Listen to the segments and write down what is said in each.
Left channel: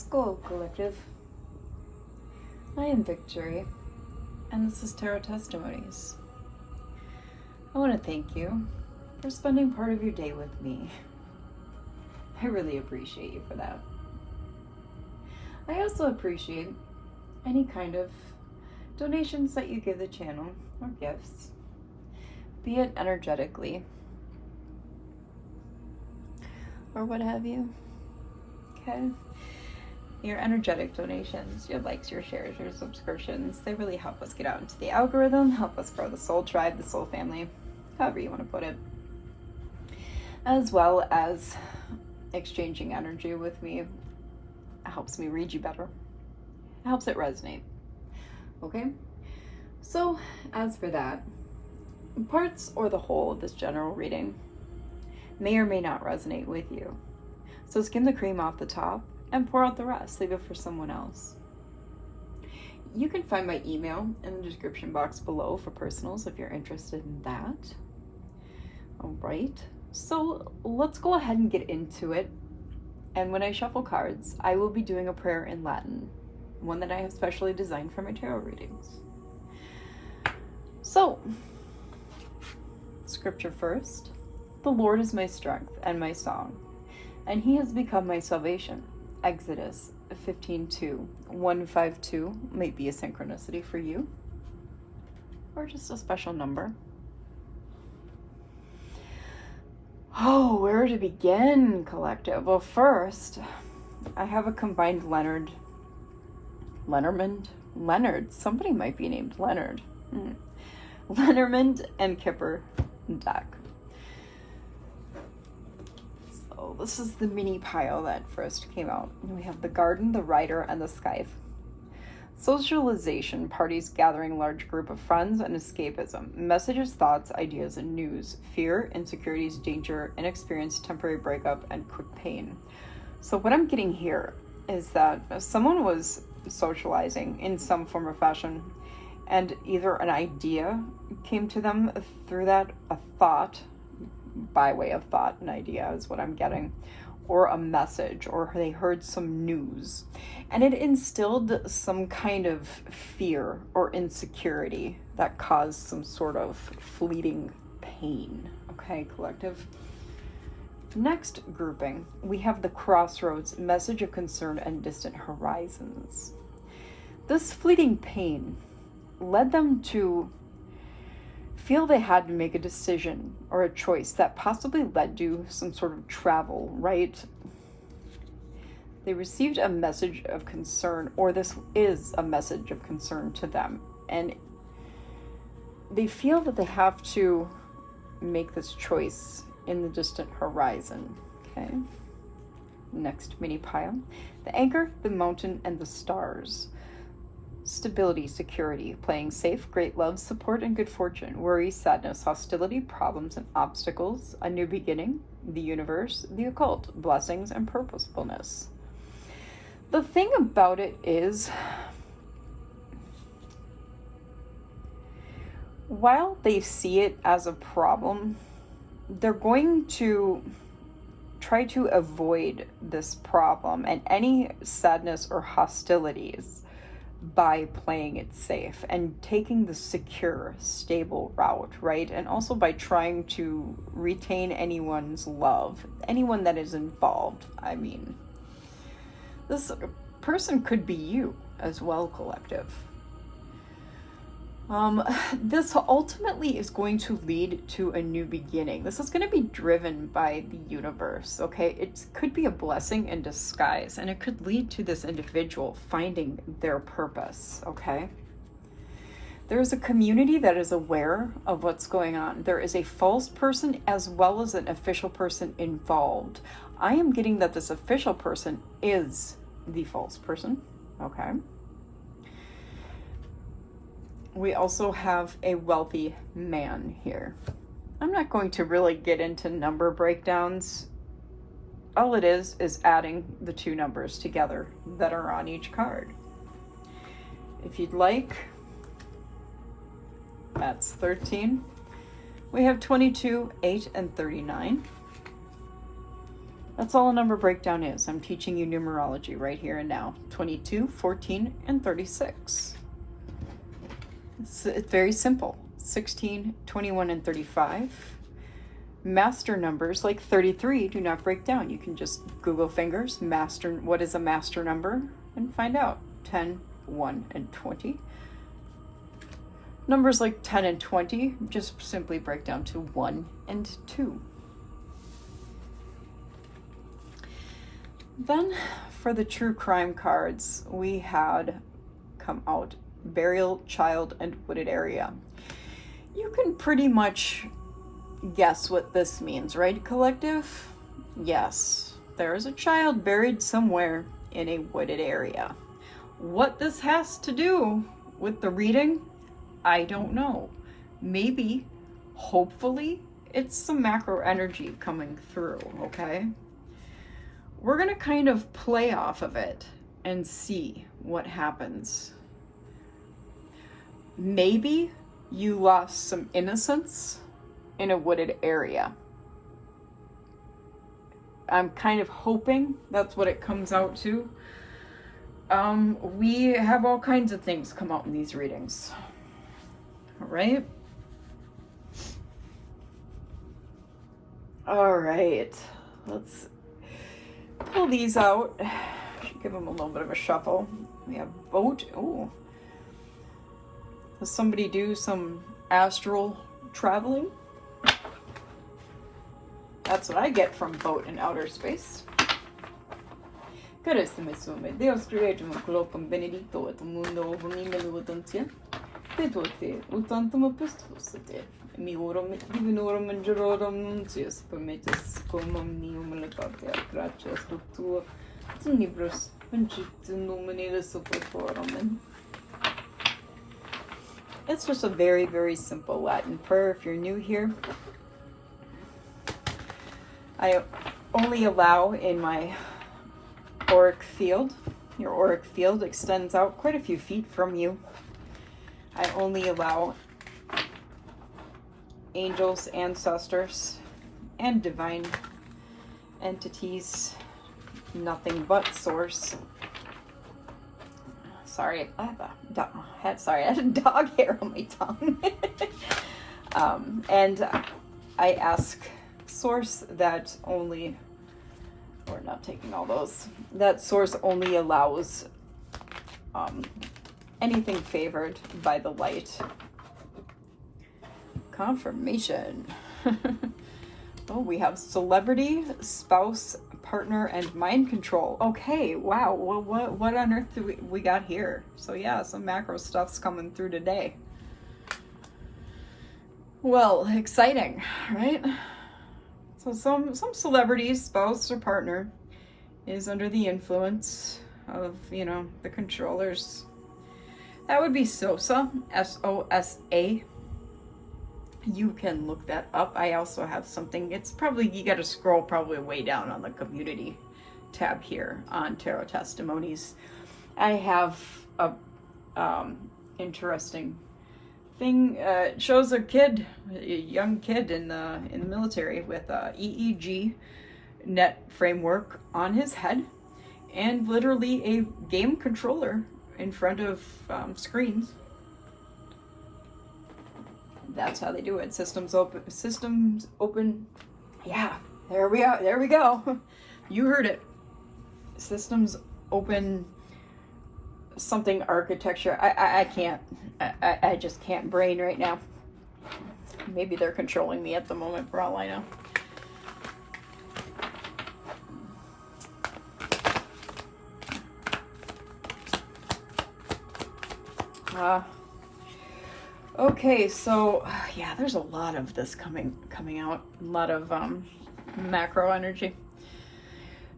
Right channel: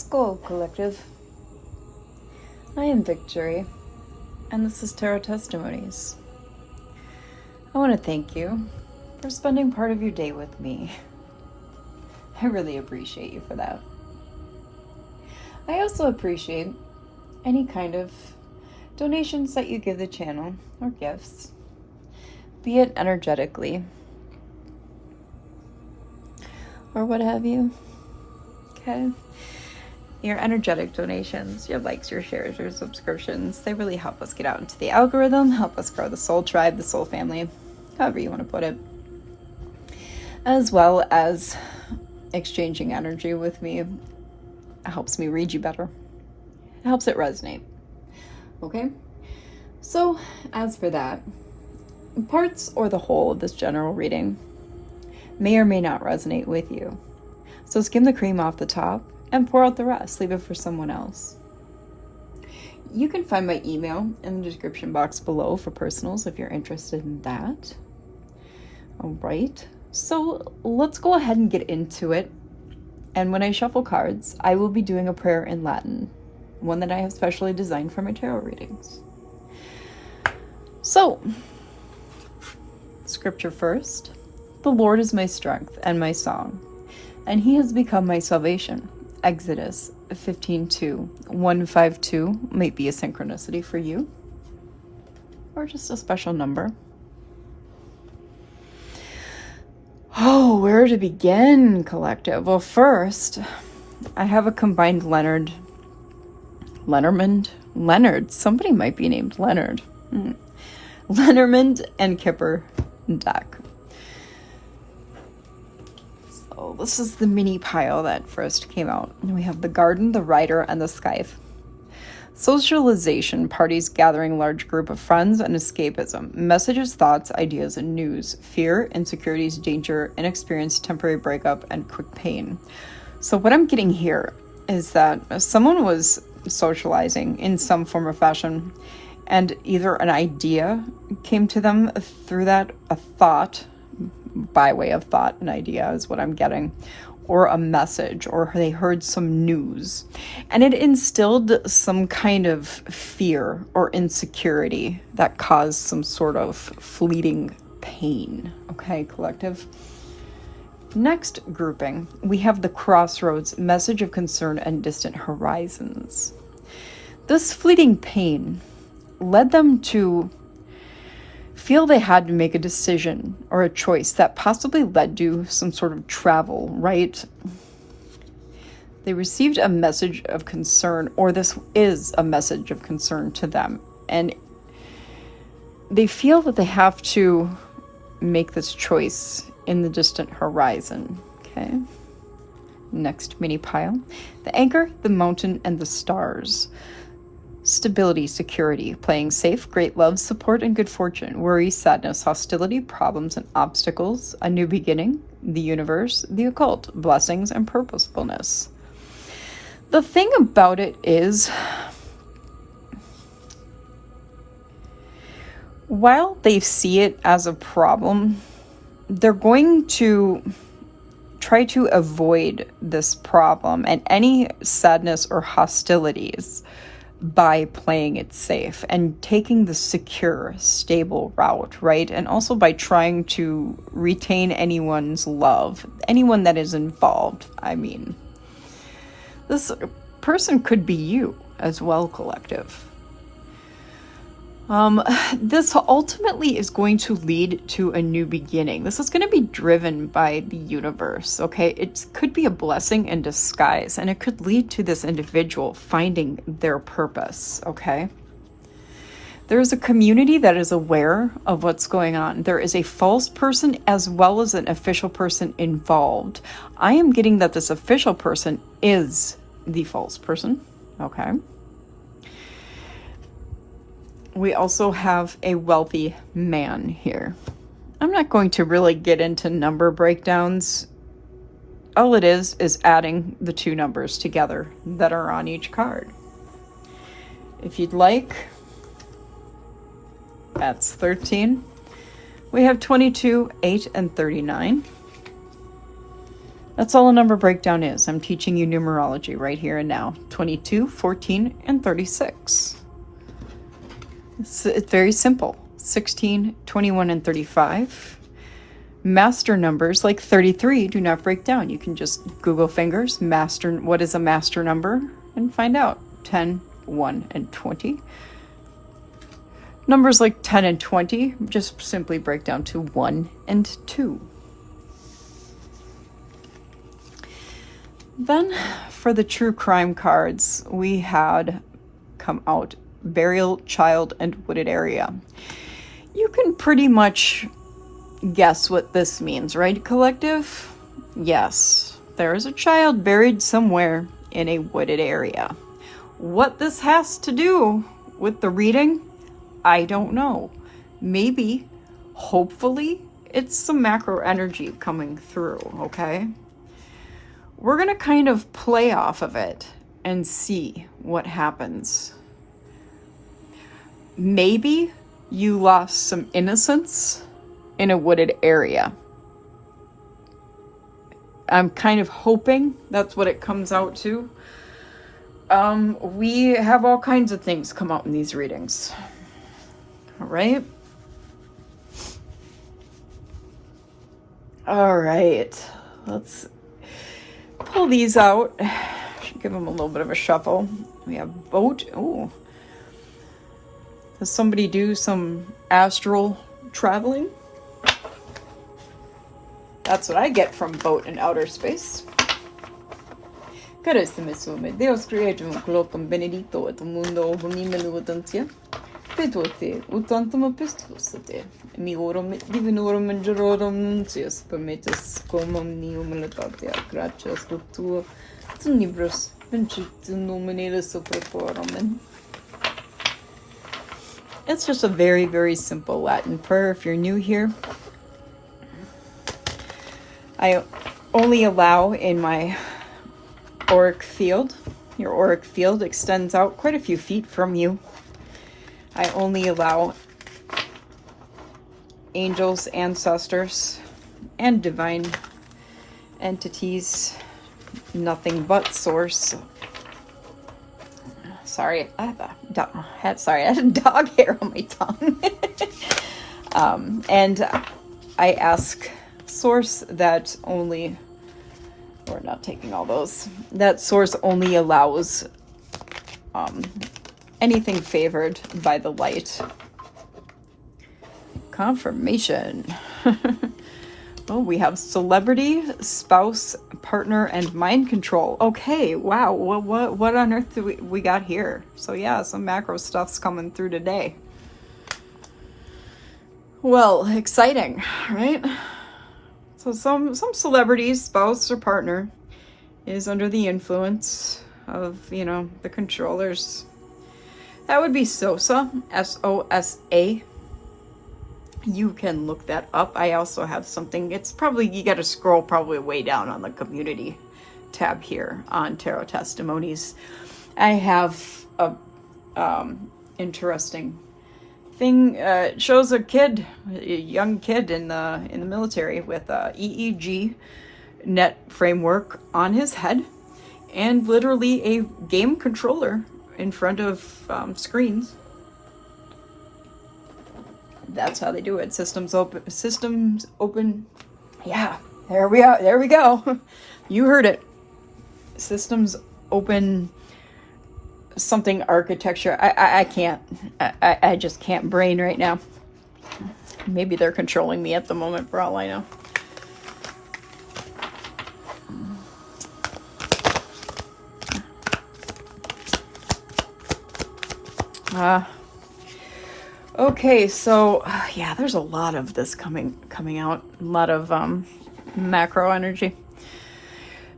Skull Collective. I am Victory, and this is Tarot Testimonies. I want to thank you for spending part of your day with me. I really appreciate you for that. I also appreciate any kind of donations that you give the channel, or gifts, be it energetically or what have you. Okay? Your energetic donations, your likes, your shares, your subscriptions, they really help us get out into the algorithm, help us grow the soul tribe, the soul family, however you want to put it. As well as exchanging energy with me. It helps me read you better. It helps it resonate. Okay? So, as for that, parts or the whole of this general reading may or may not resonate with you. So skim the cream off the top and pour out the rest. Leave it for someone else. You can find my email in the description box below for personals if you're interested in that. All right, so let's go ahead and get into it. And when I shuffle cards, I will be doing a prayer in Latin, one that I have specially designed for my tarot readings. So, scripture first. The Lord is my strength and my song, and he has become my salvation. Exodus 15:2. 152 might be a synchronicity for you, or just a special number. Oh, where to begin, collective? Well, first, I have a combined Leonard, somebody might be named Leonard. Lenormand and Kipper deck. So this is the mini pile that first came out. And we have the garden, the rider, and the scythe. Socialization, parties, gathering large group of friends, and escapism. Messages, thoughts, ideas, and news. Fear, insecurities, danger, inexperience, temporary breakup, and quick pain. So what I'm getting here is that someone was socializing in some form or fashion, and either an idea came to them through that, a thought, by way of thought, an idea is what I'm getting, or a message, or they heard some news, and it instilled some kind of fear or insecurity that caused some sort of fleeting pain. Okay, collective? Next grouping, we have the crossroads, message of concern and distant horizons. This fleeting pain led them to feel they had to make a decision or a choice that possibly led to some sort of travel, right? They received a message of concern, or this is a message of concern to them, and they feel that they have to make this choice in the distant horizon. Okay. Next mini pile. The anchor, the mountain, and the stars. Stability, security, playing safe, great love, support, and good fortune. Worry, sadness, hostility, problems, and obstacles. A new beginning, the universe, the occult, blessings, and purposefulness. The thing about it is, while they see it as a problem, they're going to try to avoid this problem and any sadness or hostilities by playing it safe and taking the secure, stable route, right? And also by trying to retain anyone's love, anyone that is involved. I mean, this person could be you as well, collective. This ultimately is going to lead to a new beginning. This is going to be driven by the universe, okay? It could be a blessing in disguise, and it could lead to this individual finding their purpose, okay? There's a community that is aware of what's going on. There is a false person as well as an official person involved. I am getting that this official person is the false person, okay? We also have a wealthy man here. I'm not going to really get into number breakdowns. All it is adding the two numbers together that are on each card. If you'd like, that's 13. We have 22, 8, and 39. That's all a number breakdown is. I'm teaching you numerology right here and now. 22, 14, and 36. It's very simple. 16, 21, and 35. Master numbers like 33 do not break down. You can just Google fingers, master, what is a master number, and find out. 10, 1, and 20. Numbers like 10 and 20 just simply break down to 1 and 2. Then for the true crime cards, we had come out burial, child, and wooded area. You can pretty much guess what this means, right, collective? Yes, there is a child buried somewhere in a wooded area. What this has to do with the reading, I don't know. Maybe, hopefully, it's some macro energy coming through, okay? We're going to kind of play off of it and see what happens. Maybe you lost some innocence in a wooded area. I'm kind of hoping that's what it comes out to. We have all kinds of things come out in these readings. All right. All right. Let's pull these out. Should give them a little bit of a shuffle. We have boat. Ooh. Does somebody do some astral traveling? That's what I get from boat in outer space. Carissime sume, Deus creatum clotum benedito et mundo hunimelu utantia. Pedote utantum pestusate. Miorum divinorum mangerorum nuntius permittus cum omnium letatia gratias cultua tunibus vincitum nominale superforum. It's just a very, very simple Latin prayer if you're new here. I only allow in my auric field. Your auric field extends out quite a few feet from you. I only allow angels, ancestors, and divine entities, nothing but source. Sorry, I had a dog hair on my tongue. And I ask source that only, we're not taking all those, that source only allows anything favored by the light. Confirmation. Oh, we have celebrity, spouse, partner, and mind control. Okay, wow. What on earth do we got here? So yeah, some macro stuff's coming through today. Well, exciting, right? So some celebrities, spouse or partner, is under the influence of, you know, the controllers. That would be Sosa, S-O-S-A. You can look that up. I also have something. It's probably, you got to scroll probably way down on the community tab here on Tarot Testimonies. I have a interesting thing. It shows a kid, a young kid in the military with a EEG net framework on his head and literally a game controller in front of screens. That's how they do it. Systems open. Yeah, there we are. There we go. You heard it. Systems open something architecture. I can't. I just can't brain right now. Maybe they're controlling me at the moment for all I know. Okay, so yeah, there's a lot of this coming out, a lot of macro energy.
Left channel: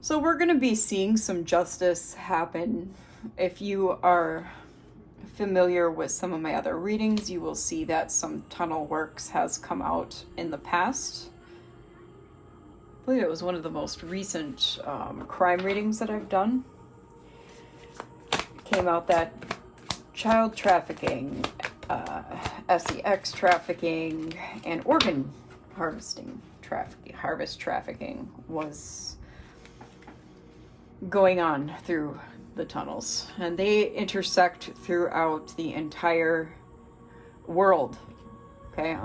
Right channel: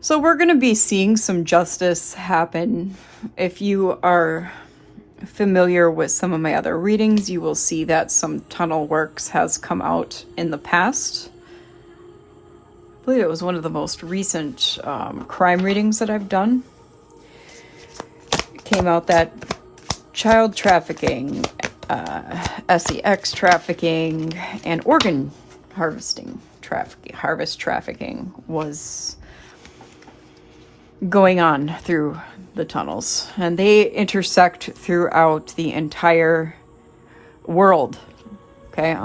So we're going to be seeing some justice happen. If you are familiar with some of my other readings, you will see that some tunnel works has come out in the past. I believe it was one of the most recent crime readings that I've done. It came out that child trafficking, sex trafficking, and organ harvest trafficking was going on through the tunnels, and they intersect throughout the entire world. Okay.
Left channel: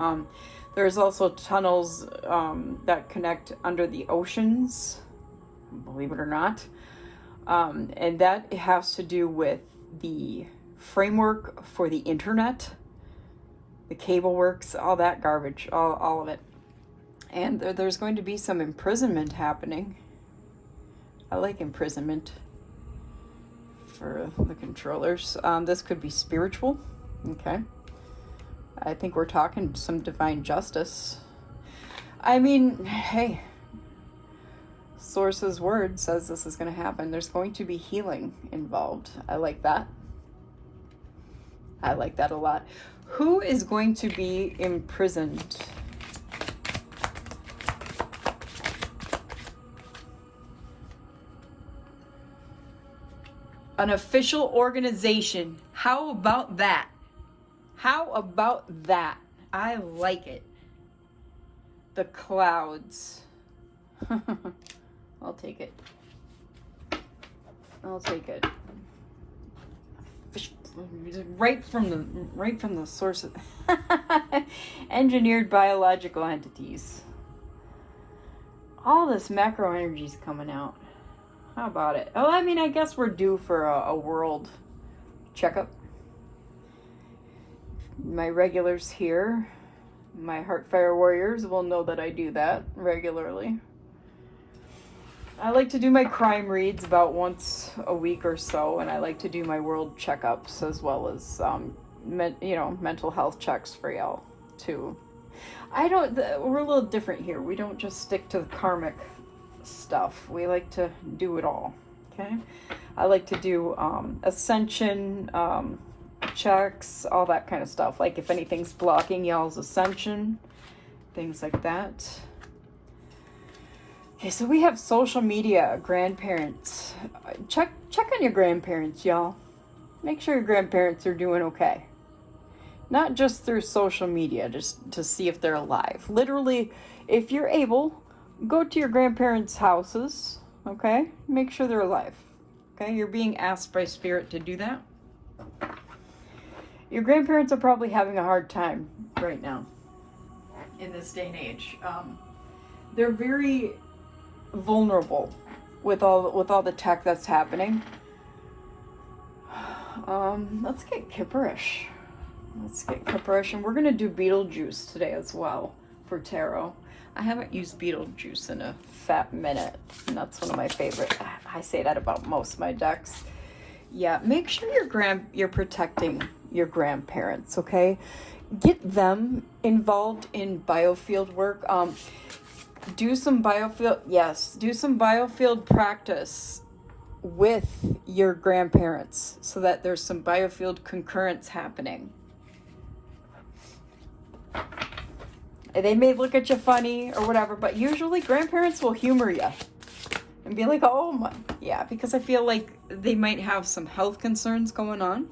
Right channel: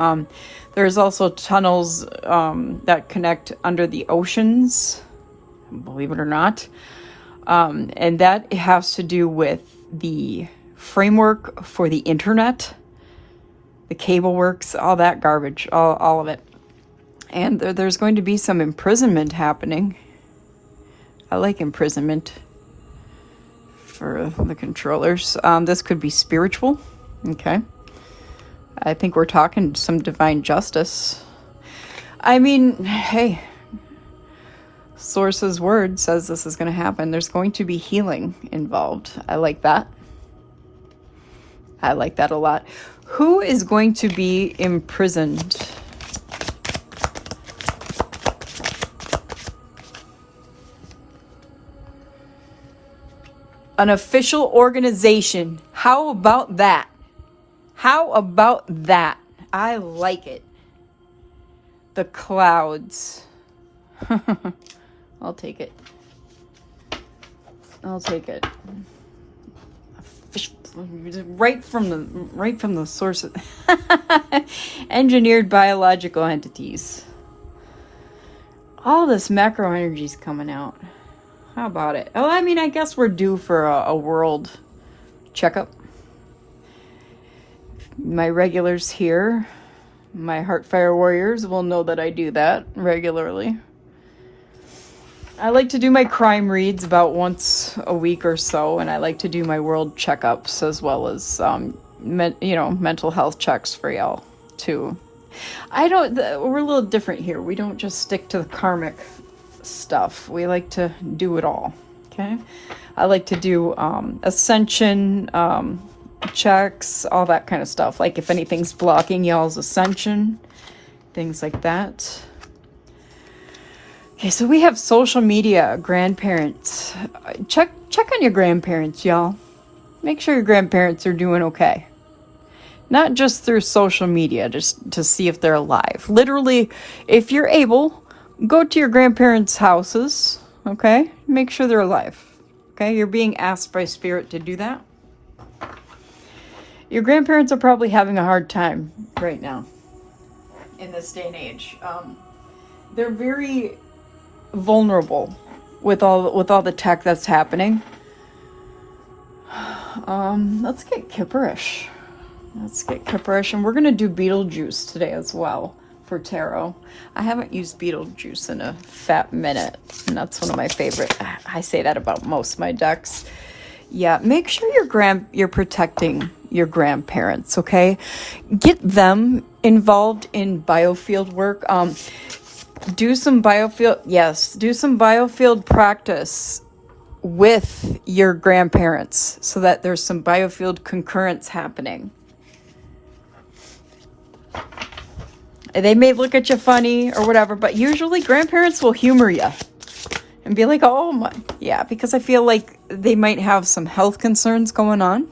There's also tunnels that connect under the oceans, believe it or not. And that has to do with the framework for the internet, the cable works, all that garbage, all of it. And there's going to be some imprisonment happening. I like imprisonment for the controllers. This could be spiritual. Okay. I think we're talking some divine justice. I mean, hey, Source's word says this is going to happen. There's going to be healing involved. I like that. I like that a lot. Who is going to be imprisoned? An official organization. How about that? How about that? I like it. The clouds. I'll take it. I'll take it. Right from the source. Engineered biological entities. All this macro energy is coming out. How about it? Oh, I mean, I guess we're due for a world checkup. My regulars here, my heartfire warriors, will know that I do that regularly. I like to do my crime reads about once a week or so, and I like to do my world checkups as well as, mental health checks for y'all too. We're a little different here. We don't just stick to the karmic stuff. We like to do it all. Okay, I like to do ascension checks, all that kind of stuff. Like if anything's blocking y'all's ascension, things like that. Okay, so we have social media, grandparents. Check on your grandparents, y'all. Make sure your grandparents are doing okay. Not just through social media, just to see if they're alive. Literally, if you're able, go to your grandparents' houses, okay? Make sure they're alive, okay? You're being asked by Spirit to do that. Your grandparents are probably having a hard time right now in this day and age. They're very vulnerable with all the tech that's happening. Let's get Kipperish. And we're gonna do Beetlejuice today as well for tarot. I haven't used Beetlejuice in a fat minute, and that's one of my favorite. I say that about most of my decks. Yeah, make sure you're protecting your grandparents, okay? Get them involved in biofield work. Do some biofield practice with your grandparents so that there's some biofield concurrence happening. They may look at you funny or whatever, but usually grandparents will humor you and be like, oh my, yeah, because I feel like they might have some health concerns going on.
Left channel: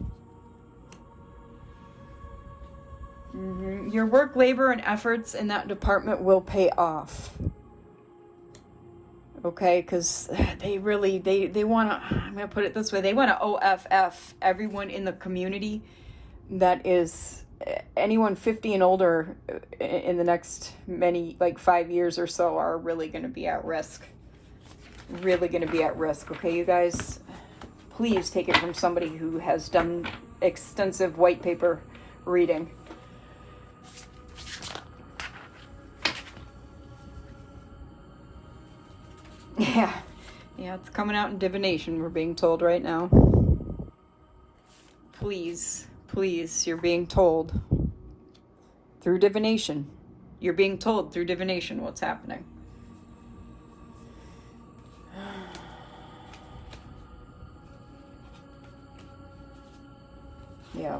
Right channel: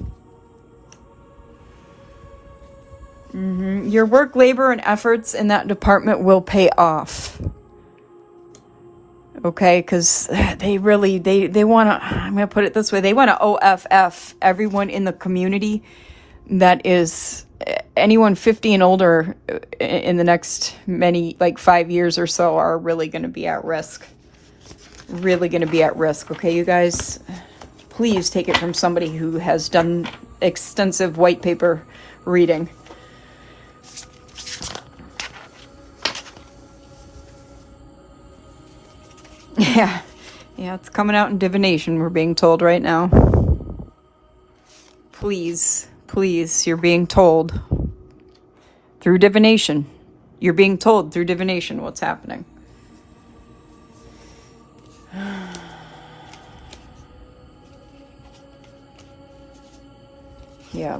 Your work, labor, and efforts in that department will pay off. Okay, because they want to, I'm going to put it this way, they want to OFF everyone in the community that is anyone 50 and older in the next 5 years or so are really going to be at risk. Okay, you guys, please take it from somebody who has done extensive white paper reading. Yeah, it's coming out in divination, we're being told right now. Please, you're being told through divination. You're being told through divination what's happening. Yeah,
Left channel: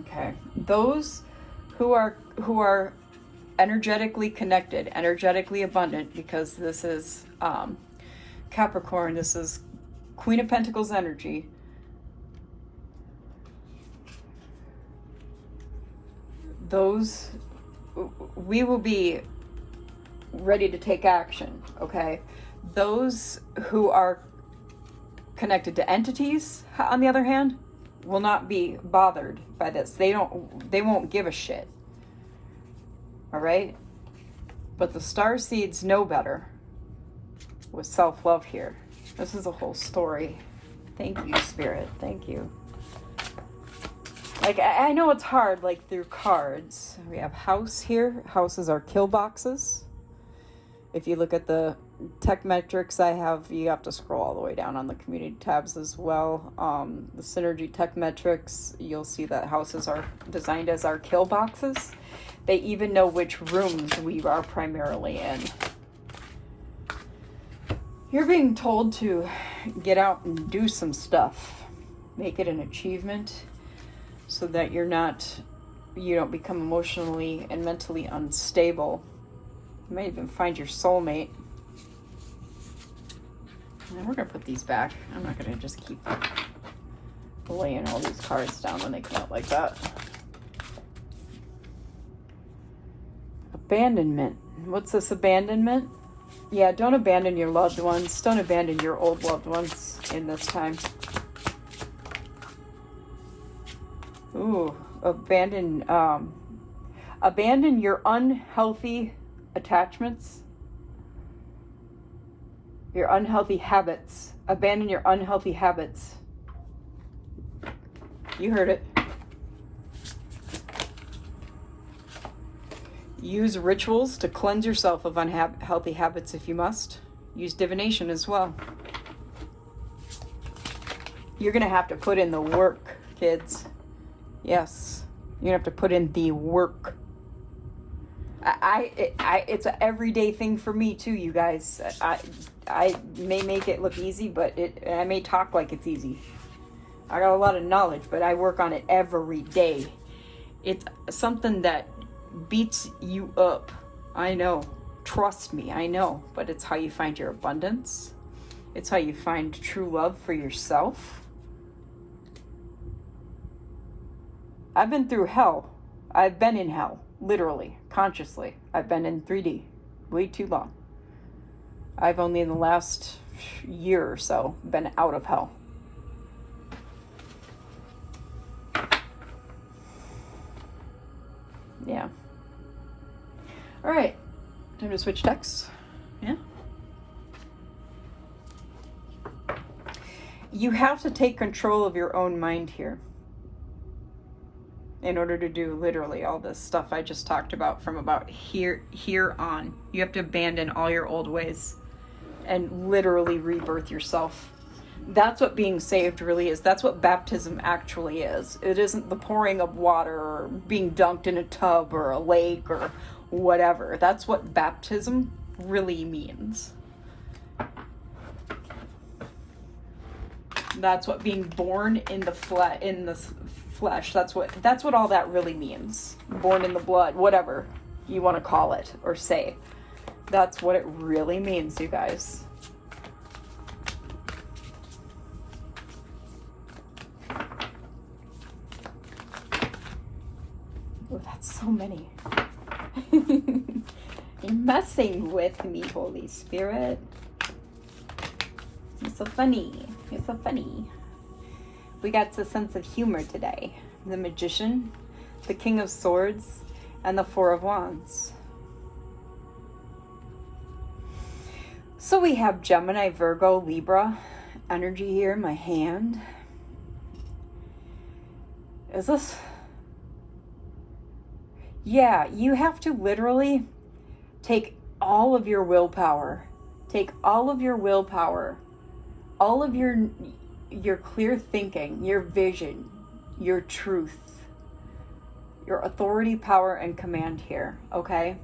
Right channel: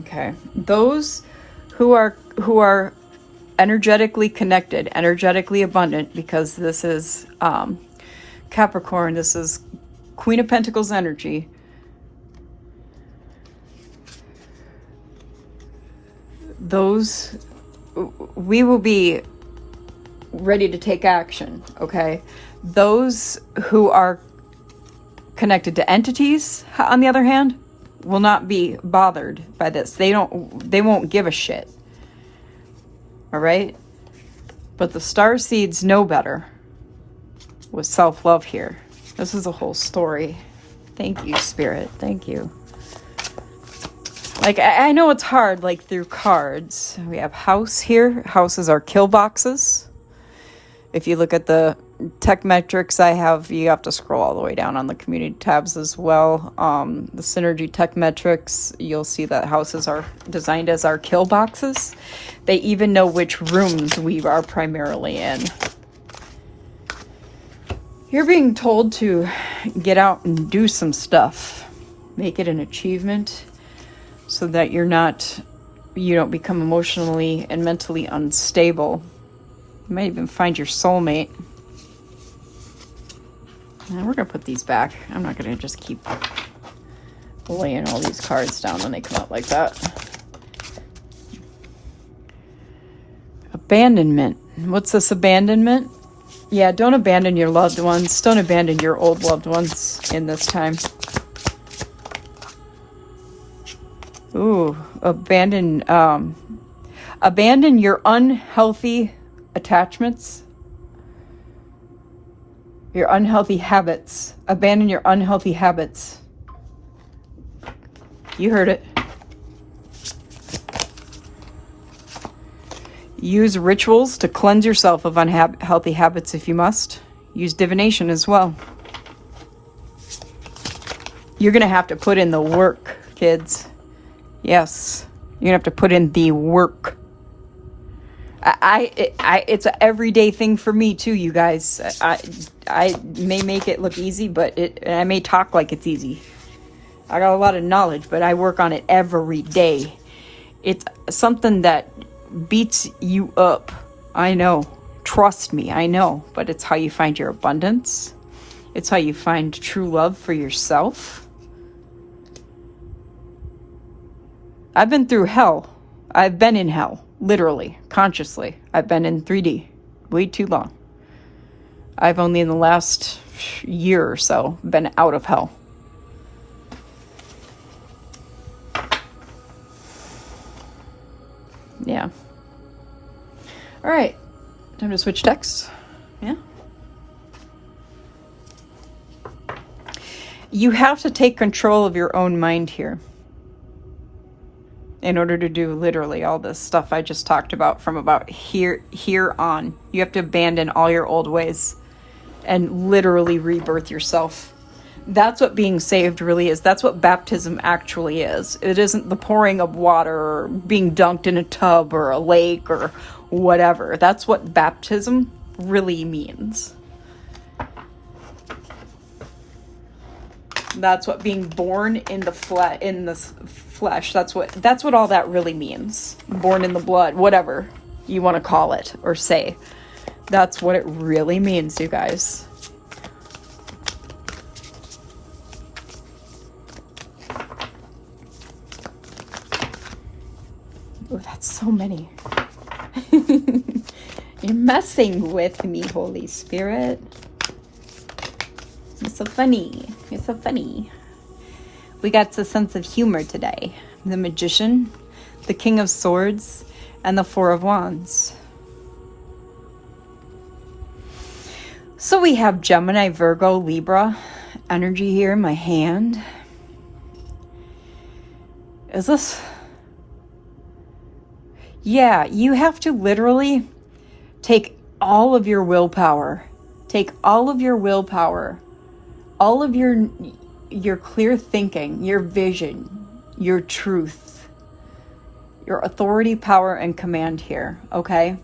okay. Those who are energetically connected, energetically abundant, because this is Capricorn, this is Queen of Pentacles energy. Those, we will be ready to take action, okay? Those who are connected to entities, on the other hand, will not be bothered by this. They won't give a shit. All right? But the star seeds know better with self-love here. This is a whole story. Thank you, Spirit. Thank you. Like, I know it's hard, like, through cards. We have house here. Houses are kill boxes. If you look at the tech metrics I have, you have to scroll all the way down on the community tabs as well. The synergy tech metrics, you'll see that houses are designed as our kill boxes. They even know which rooms we are primarily in. You're being told to get out and do some stuff. Make it an achievement so that you don't become emotionally and mentally unstable. You might even find your soulmate. Now we're going to put these back. I'm not going to just keep laying all these cards down when they come out like that. Abandonment. What's this abandonment? Yeah, don't abandon your loved ones. Don't abandon your old loved ones in this time. Ooh, abandon your unhealthy attachments. Your unhealthy habits. Abandon your unhealthy habits. You heard it. Use rituals to cleanse yourself of unhealthy habits if you must. Use divination as well. You're going to have to put in the work, kids. Yes. You're going to have to put in the work. It's an everyday thing for me too, you guys. I may make it look easy, but I may talk like it's easy. I got a lot of knowledge, but I work on it every day. It's something that beats you up. I know. Trust me, I know. But it's how you find your abundance. It's how you find true love for yourself. I've been through hell. I've been in hell. Literally, consciously. I've been in 3D way too long. I've only in the last year or so been out of hell. Yeah. All right. Time to switch decks. Yeah. You have to take control of your own mind here in order to do literally all this stuff I just talked about from about here on. You have to abandon all your old ways and literally rebirth yourself. That's what being saved really is. That's what baptism actually is. It isn't the pouring of water or being dunked in a tub or a lake or whatever. That's what baptism really means. That's what being born in the flesh. That's what all that really means. Born in the blood, whatever you want to call it or say. That's what it really means, you guys. Oh, that's so many. You're messing with me, Holy Spirit. You're so funny. You're so funny. We got a sense of humor today. The Magician, the King of Swords, and the Four of Wands. So we have Gemini, Virgo, Libra energy here in my hand. Is this... Yeah, you have to literally take all of your willpower. Take all of your willpower. All of your clear thinking, your vision, your truth, your authority, power, and command here, okay?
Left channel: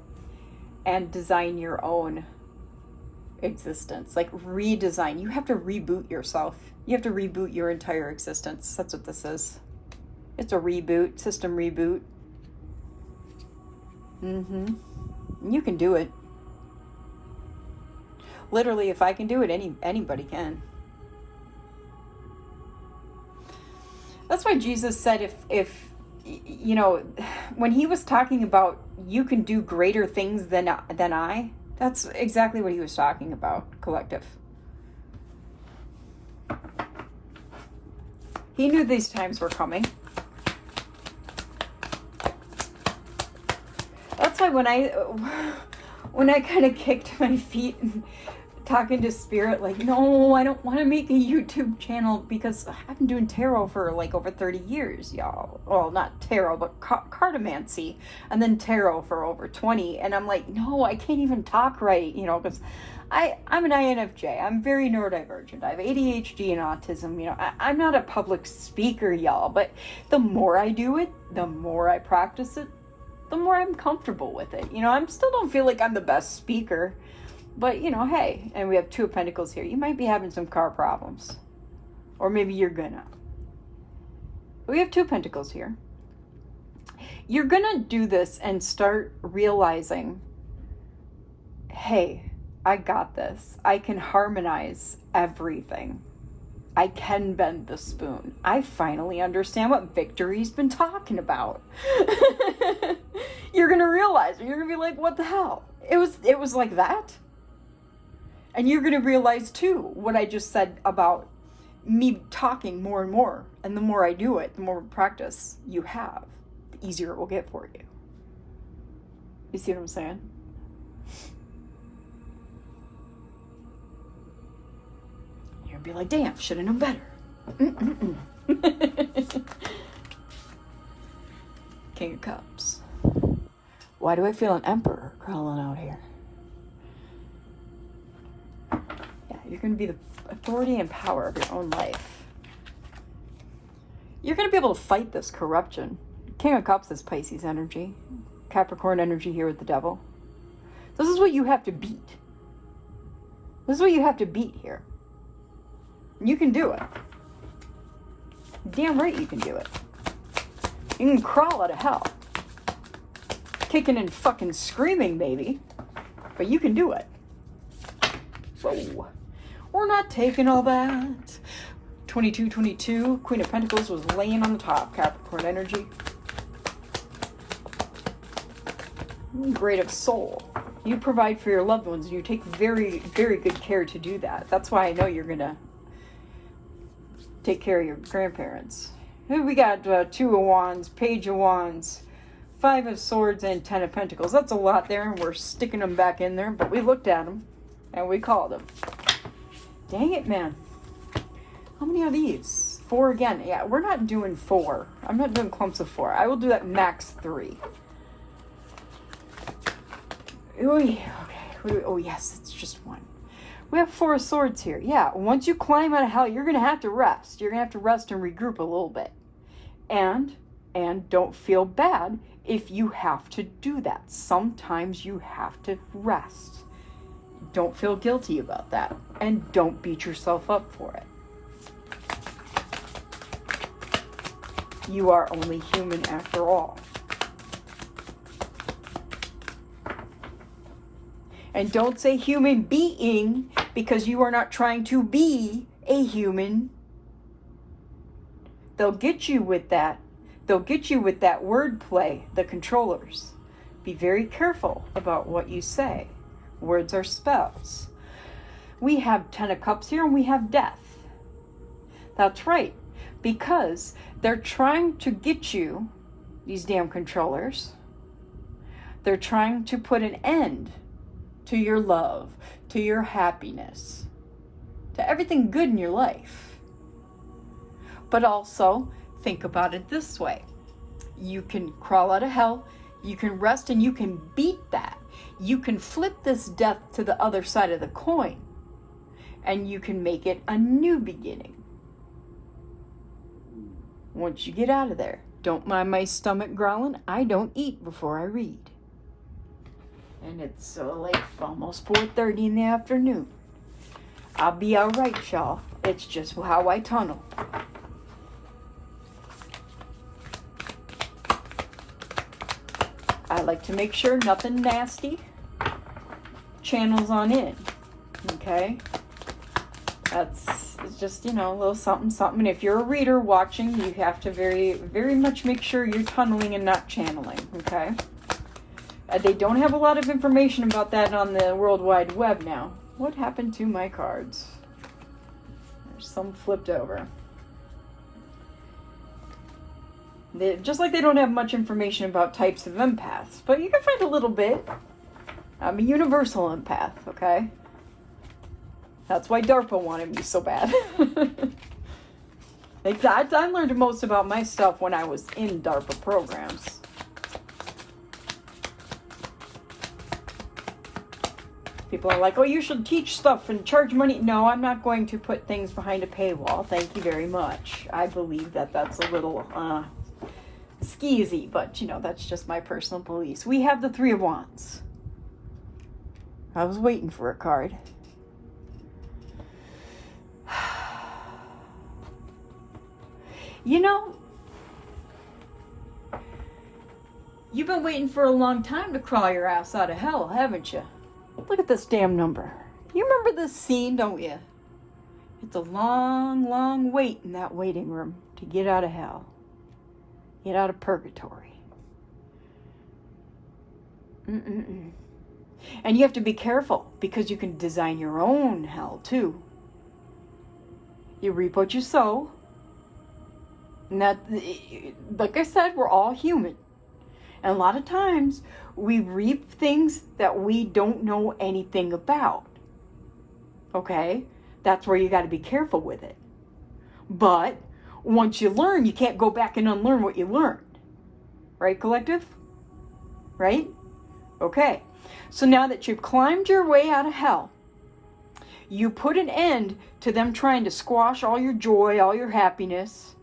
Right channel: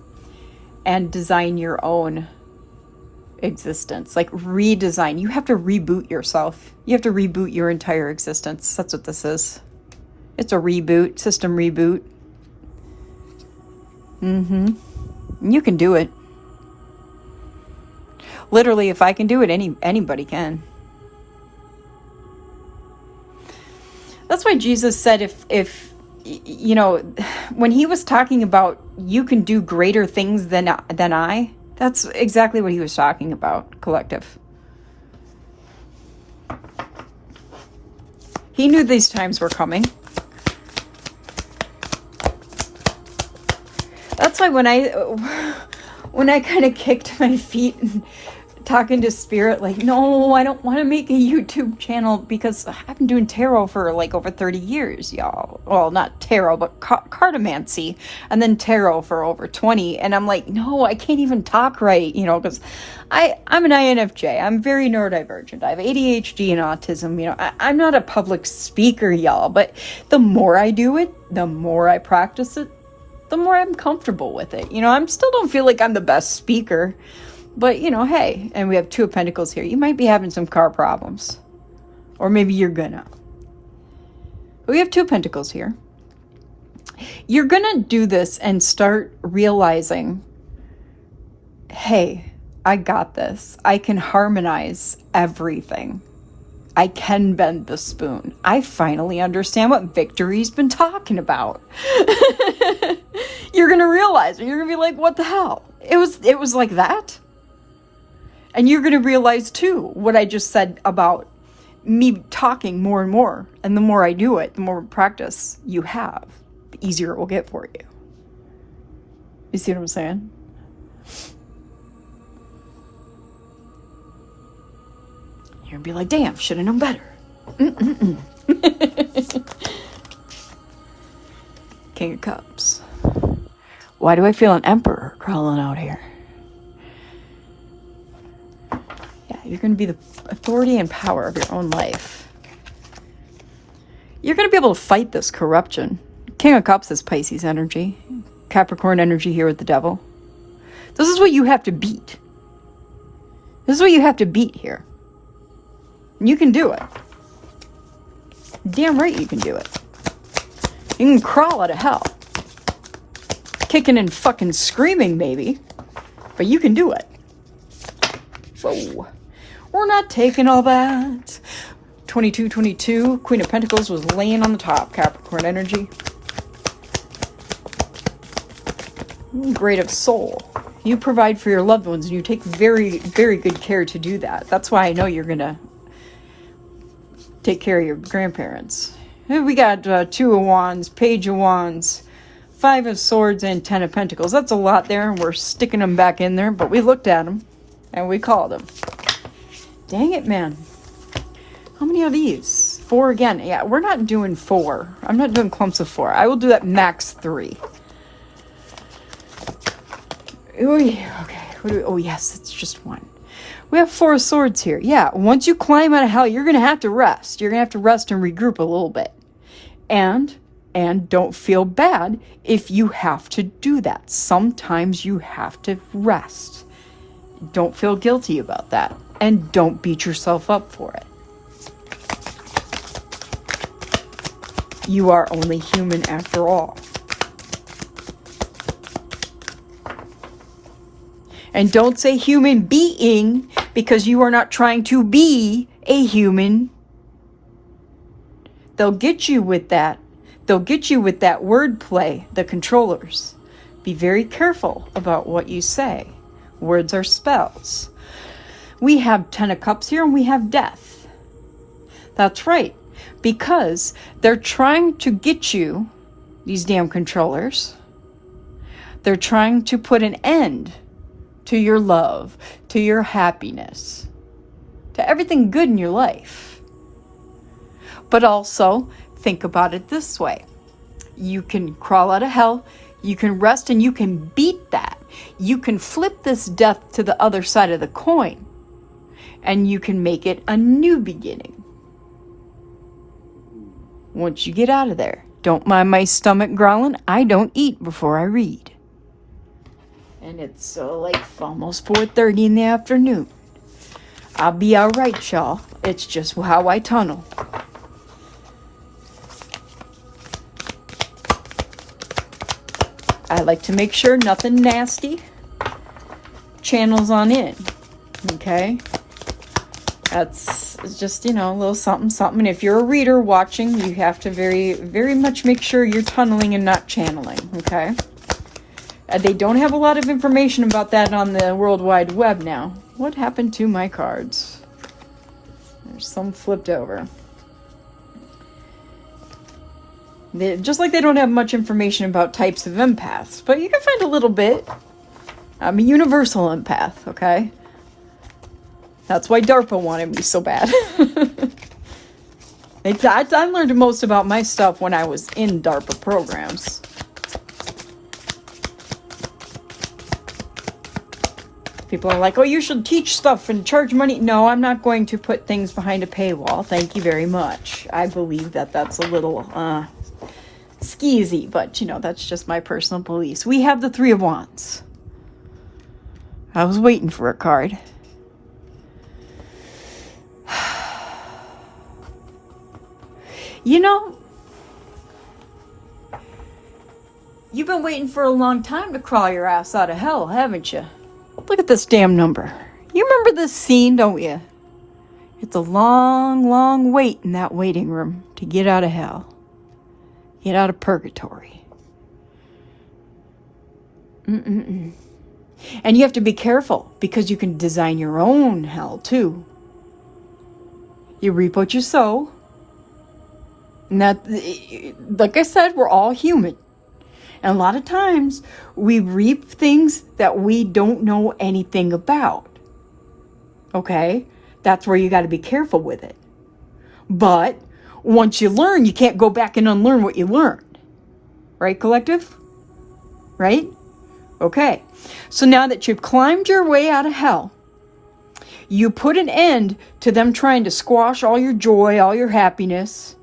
And design your own existence. Like redesign. You have to reboot yourself. You have to reboot your entire existence. That's what this is. It's a reboot, system reboot. You can do it. Literally, if I can do it, anybody can. That's why Jesus said if you know, when he was talking about you can do greater things than I, that's exactly what he was talking about, collective. He knew these times were coming. That's why when I kind of kicked my feet and talking to spirit, like, no, I don't want to make a YouTube channel because I've been doing tarot for like over 30 years, y'all. Well, not tarot, but cartomancy, and then tarot for over 20. And I'm like, no, I can't even talk right, you know, because I'm an INFJ. I'm very neurodivergent. I have ADHD and autism. You know, I'm not a public speaker, y'all, but the more I do it, the more I practice it, the more I'm comfortable with it. You know, I still don't feel like I'm the best speaker. But, you know, hey, and we have 2 of Pentacles here. You might be having some car problems. Or maybe you're gonna. But we have 2 of Pentacles here. You're gonna do this and start realizing, hey, I got this. I can harmonize everything. I can bend the spoon. I finally understand what Victory's been talking about. You're gonna realize, and you're gonna be like, what the hell? It was like that? And you're going to realize, too, what I just said about me talking more and more. And the more I do it, the more practice you have, the easier it will get for you. You see what I'm saying? You're going to be like, damn, should have known better. King of Cups. Why do I feel an emperor crawling out here? You're going to be the authority and power of your own life. You're going to be able to fight this corruption. King of Cups is Pisces energy. Capricorn energy here with the devil. This is what you have to beat. This is what you have to beat here. And you can do it. Damn right you can do it. You can crawl out of hell. Kicking and fucking screaming maybe. But you can do it. Whoa. We're not taking all that. 2222, Queen of Pentacles was laying on the top. Capricorn energy. Great of soul. You provide for your loved ones and you take very, very good care to do that. That's why I know you're going to take care of your grandparents. We got 2 of Wands, Page of Wands, 5 of Swords, and 10 of Pentacles. That's a lot there, and we're sticking them back in there, but we looked at them and we called them. Dang it, man. How many of these? 4 again. Yeah, we're not doing 4. I'm not doing clumps of 4. I will do that max 3. Ooh, okay. Oh, yes, it's just 1. We have 4 of Swords here. Yeah, once you climb out of hell, you're going to have to rest. You're going to have to rest and regroup a little bit. And don't feel bad if you have to do that. Sometimes you have to rest. Don't feel guilty about that. And don't beat yourself up for it. You are only human after all. And don't say human being because you are not trying to be a human. They'll get you with that. They'll get you with that wordplay, the controllers. Be very careful about what you say. Words are spells. We have 10 of Cups here and we have death. That's right. Because they're trying to get you, these damn controllers, they're trying to put an end to your love, to your happiness, to everything good in your life. But also, think about it this way. You can crawl out of hell, you can rest, and you can beat that. You can flip this death to the other side of the coin, and you can make it a new beginning. Once you get out of there, don't mind my stomach growling. I don't eat before I read. And it's like almost 4:30 in the afternoon. I'll be all right, y'all. It's just how I tunnel. I like to make sure nothing nasty channels on in. Okay? It's just, a little something, something. And if you're a reader watching, you have to very, very much make sure you're tunneling and not channeling. Okay? They don't have a lot of information about that on the World Wide Web now. What happened to my cards? There's some flipped over. Just like they don't have much information about types of empaths, but you can find a little bit. I'm a universal empath, okay? That's why DARPA wanted me so bad. I learned most about my stuff when I was in DARPA programs. People are like, oh, you should teach stuff and charge money. No, I'm not going to put things behind a paywall. Thank you very much. I believe that that's a little skeezy, but, you know, that's just my personal beliefs. We have the Three of Wands. I was waiting for a card. You know, you've been waiting for a long time to crawl your ass out of hell, haven't you? Look at this damn number. You remember this scene, don't you? It's a long, long wait in that waiting room to get out of hell. Get out of purgatory. And you have to be careful because you can design your own hell too. You reap what you sow. And that, like I said, we're all human. And a lot of times we reap things that we don't know anything about. Okay? That's where you got to be careful with it. But once you learn, you can't go back and unlearn what you learned. Right, collective? Right? Okay. So now that you've climbed your way out of hell, you put an end to them trying to squash all your joy, all your happiness.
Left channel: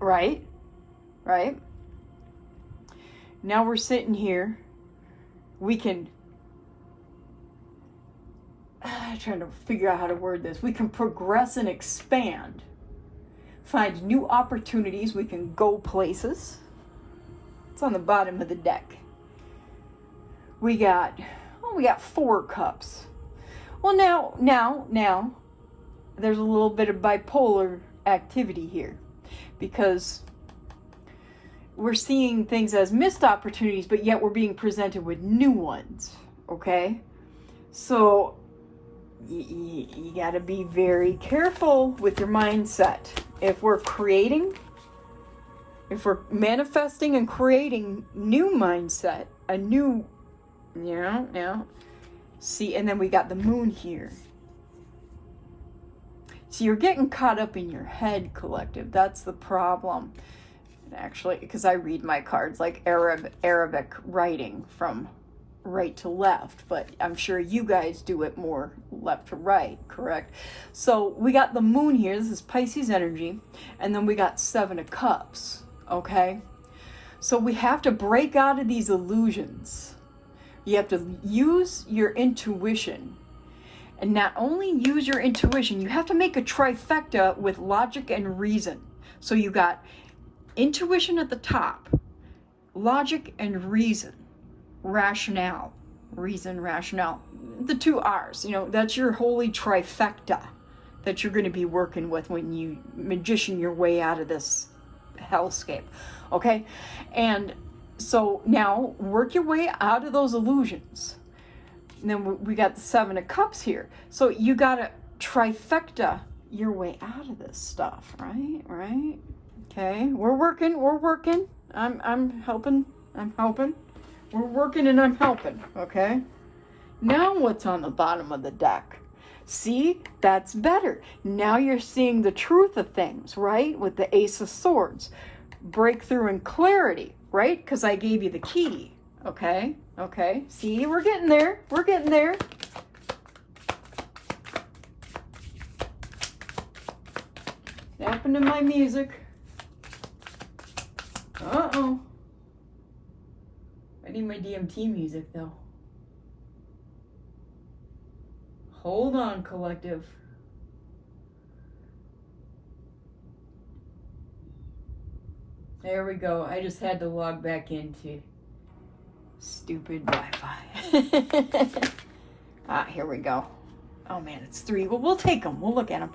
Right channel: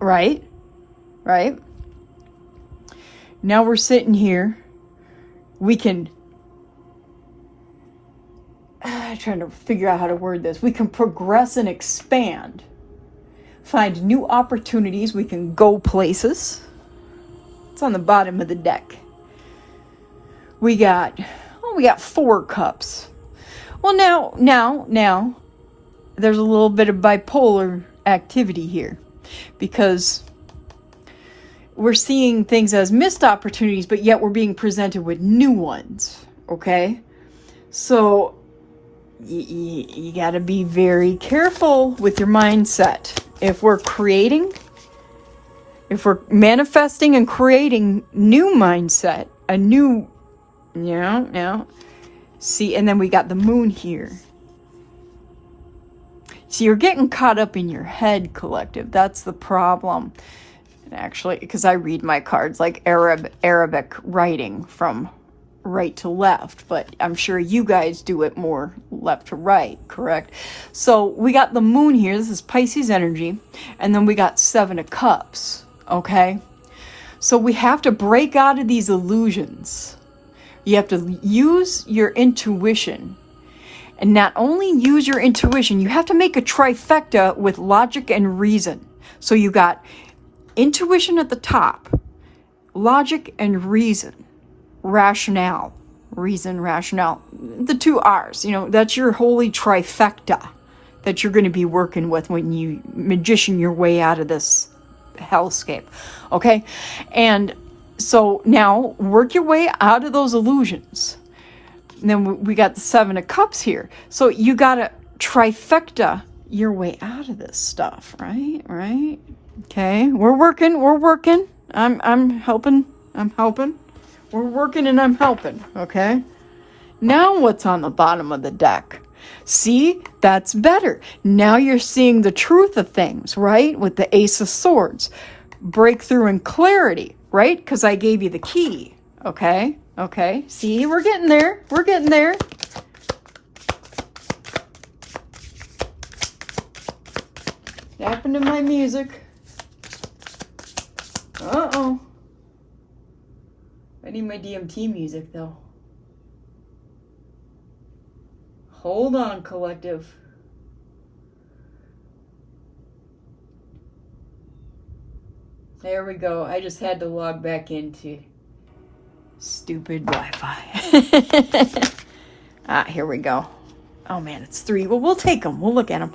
Right? Right? Now we're sitting here. We can... I'm trying to figure out how to word this. We can progress and expand. Find new opportunities. We can go places. It's on the bottom of the deck. We got 4 cups. Well, now, there's a little bit of bipolar activity here. Because we're seeing things as missed opportunities, but yet we're being presented with new ones, okay? So you got to be very careful with your mindset. If we're manifesting and creating new mindset, a new, see, and then we got the moon here. So you're getting caught up in your head, collective. That's the problem. And actually, because I read my cards like Arabic writing from right to left, but I'm sure you guys do it more left to right, correct? So we got the moon here. This is Pisces energy. And then we got 7 of Cups, okay? So we have to break out of these illusions. You have to use your intuition. And not only use your intuition, you have to make a trifecta with logic and reason. So you got intuition at the top, logic and reason, rationale, reason, rationale, the 2 R's, that's your holy trifecta that you're going to be working with when you magician your way out of this hellscape, okay? And so now work your way out of those illusions. And then we got the 7 of Cups here. So you got to trifecta your way out of this stuff, right? Right? Okay. We're working. I'm helping. We're working and I'm helping, okay? Now what's on the bottom of the deck? See? That's better. Now you're seeing the truth of things, right? With the Ace of Swords. Breakthrough and clarity, right? Because I gave you the key, okay? Okay, see, we're getting there. What happened to my music? Uh-oh. I need my DMT music, though. Hold on, collective. There we go. I just had to log back into stupid Wi-Fi. Here we go. Oh man, it's 3. Well, we'll take them. We'll look at them.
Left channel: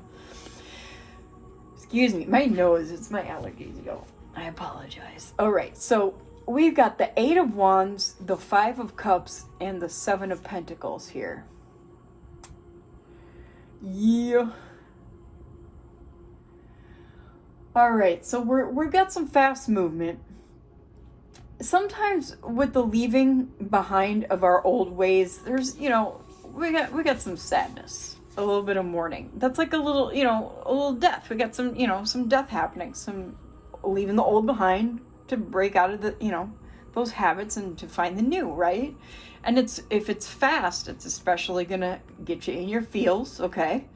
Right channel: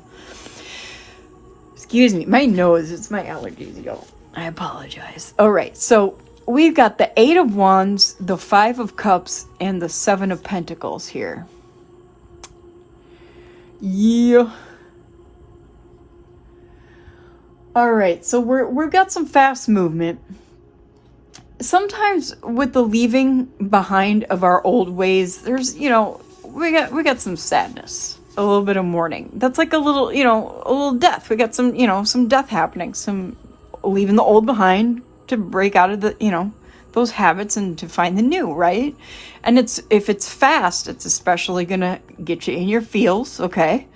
Excuse me, my nose, it's my allergies, yo. I apologize. All right, so we've got the 8 of Wands, the 5 of Cups, and the 7 of Pentacles here. Yeah. All right, so we've got some fast movement. Sometimes with the leaving behind of our old ways, there's, we got some sadness, a little bit of mourning. That's like a little, a little death. We got some, some death happening, some leaving the old behind to break out of the, those habits and to find the new, right? And if it's fast, it's especially gonna get you in your feels, okay?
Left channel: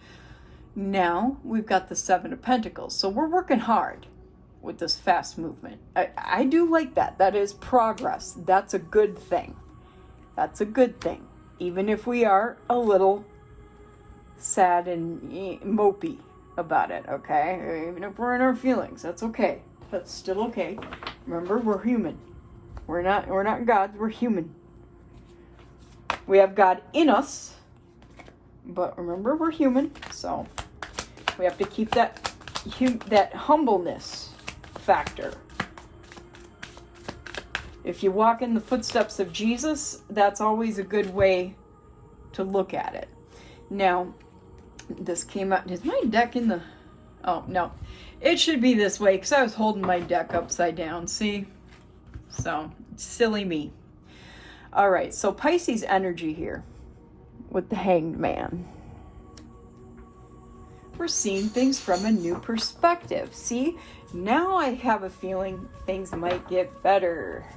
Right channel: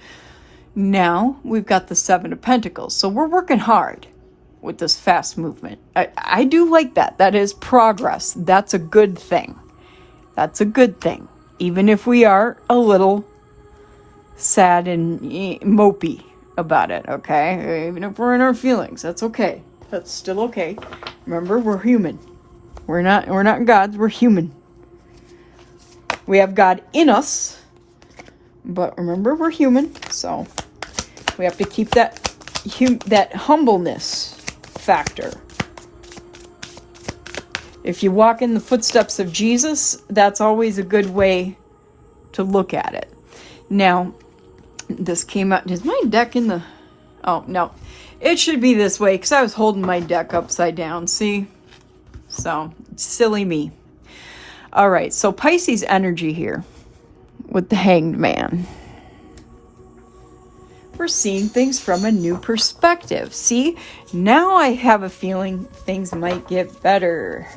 Now we've got the Seven of Pentacles, so we're working hard with this fast movement. I do like that. That is progress. That's a good thing. That's a good thing. Even if we are a little sad and mopey about it, okay? Even if we're in our feelings, that's okay. That's still okay. Remember, we're human. We're not gods, we're human. We have God in us, but remember, we're human, so we have to keep that humbleness factor. If you walk in the footsteps of Jesus, that's always a good way to look at it. Now, this came out. Is my deck in the... Oh, no. It should be this way, because I was holding my deck upside down, see? So, silly me. All right, so Pisces energy here with the Hanged Man. We're seeing things from a new perspective. See, now I have a feeling things might get better.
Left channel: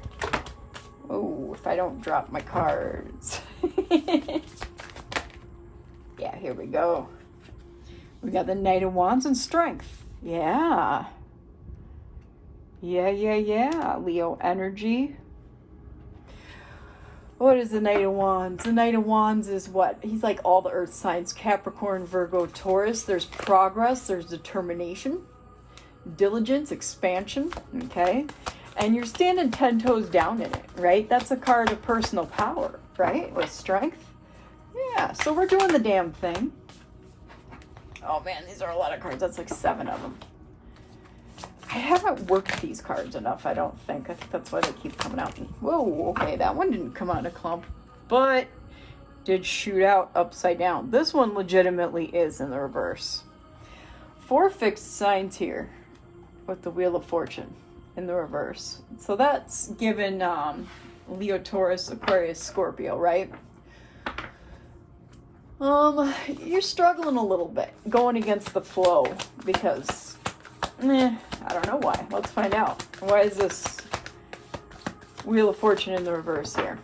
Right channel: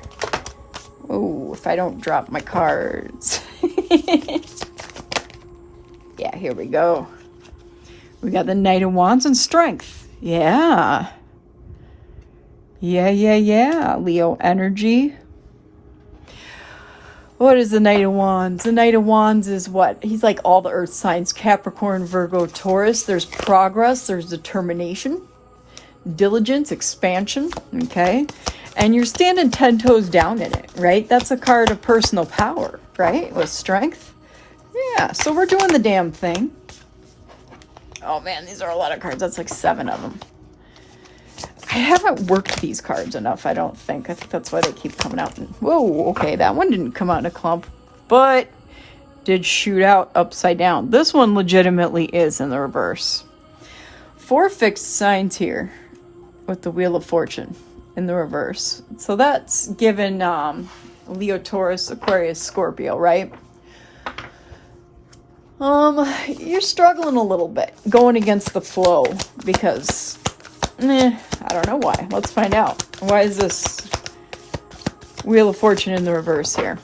Oh, if I don't drop my cards. Yeah, here we go. We got the Knight of Wands and Strength. Yeah. Yeah. Leo energy. What is the Knight of Wands? The Knight of Wands is what? He's like all the earth signs. Capricorn, Virgo, Taurus. There's progress. There's determination. Diligence, expansion. Okay? And you're standing 10 toes down in it, right? That's a card of personal power, right? With strength. Yeah, so we're doing the damn thing. Oh man, these are a lot of cards. That's like 7 of them. I haven't worked these cards enough, I don't think. I think that's why they keep coming out. Whoa, okay, that one didn't come out in a clump, but did shoot out upside down. This one legitimately is in the reverse. 4 fixed signs here with the Wheel of Fortune in the reverse. So that's given Leo, Taurus, Aquarius, Scorpio, right? You're struggling a little bit going against the flow because I don't know why. Let's find out. Why is this Wheel of Fortune in the reverse here?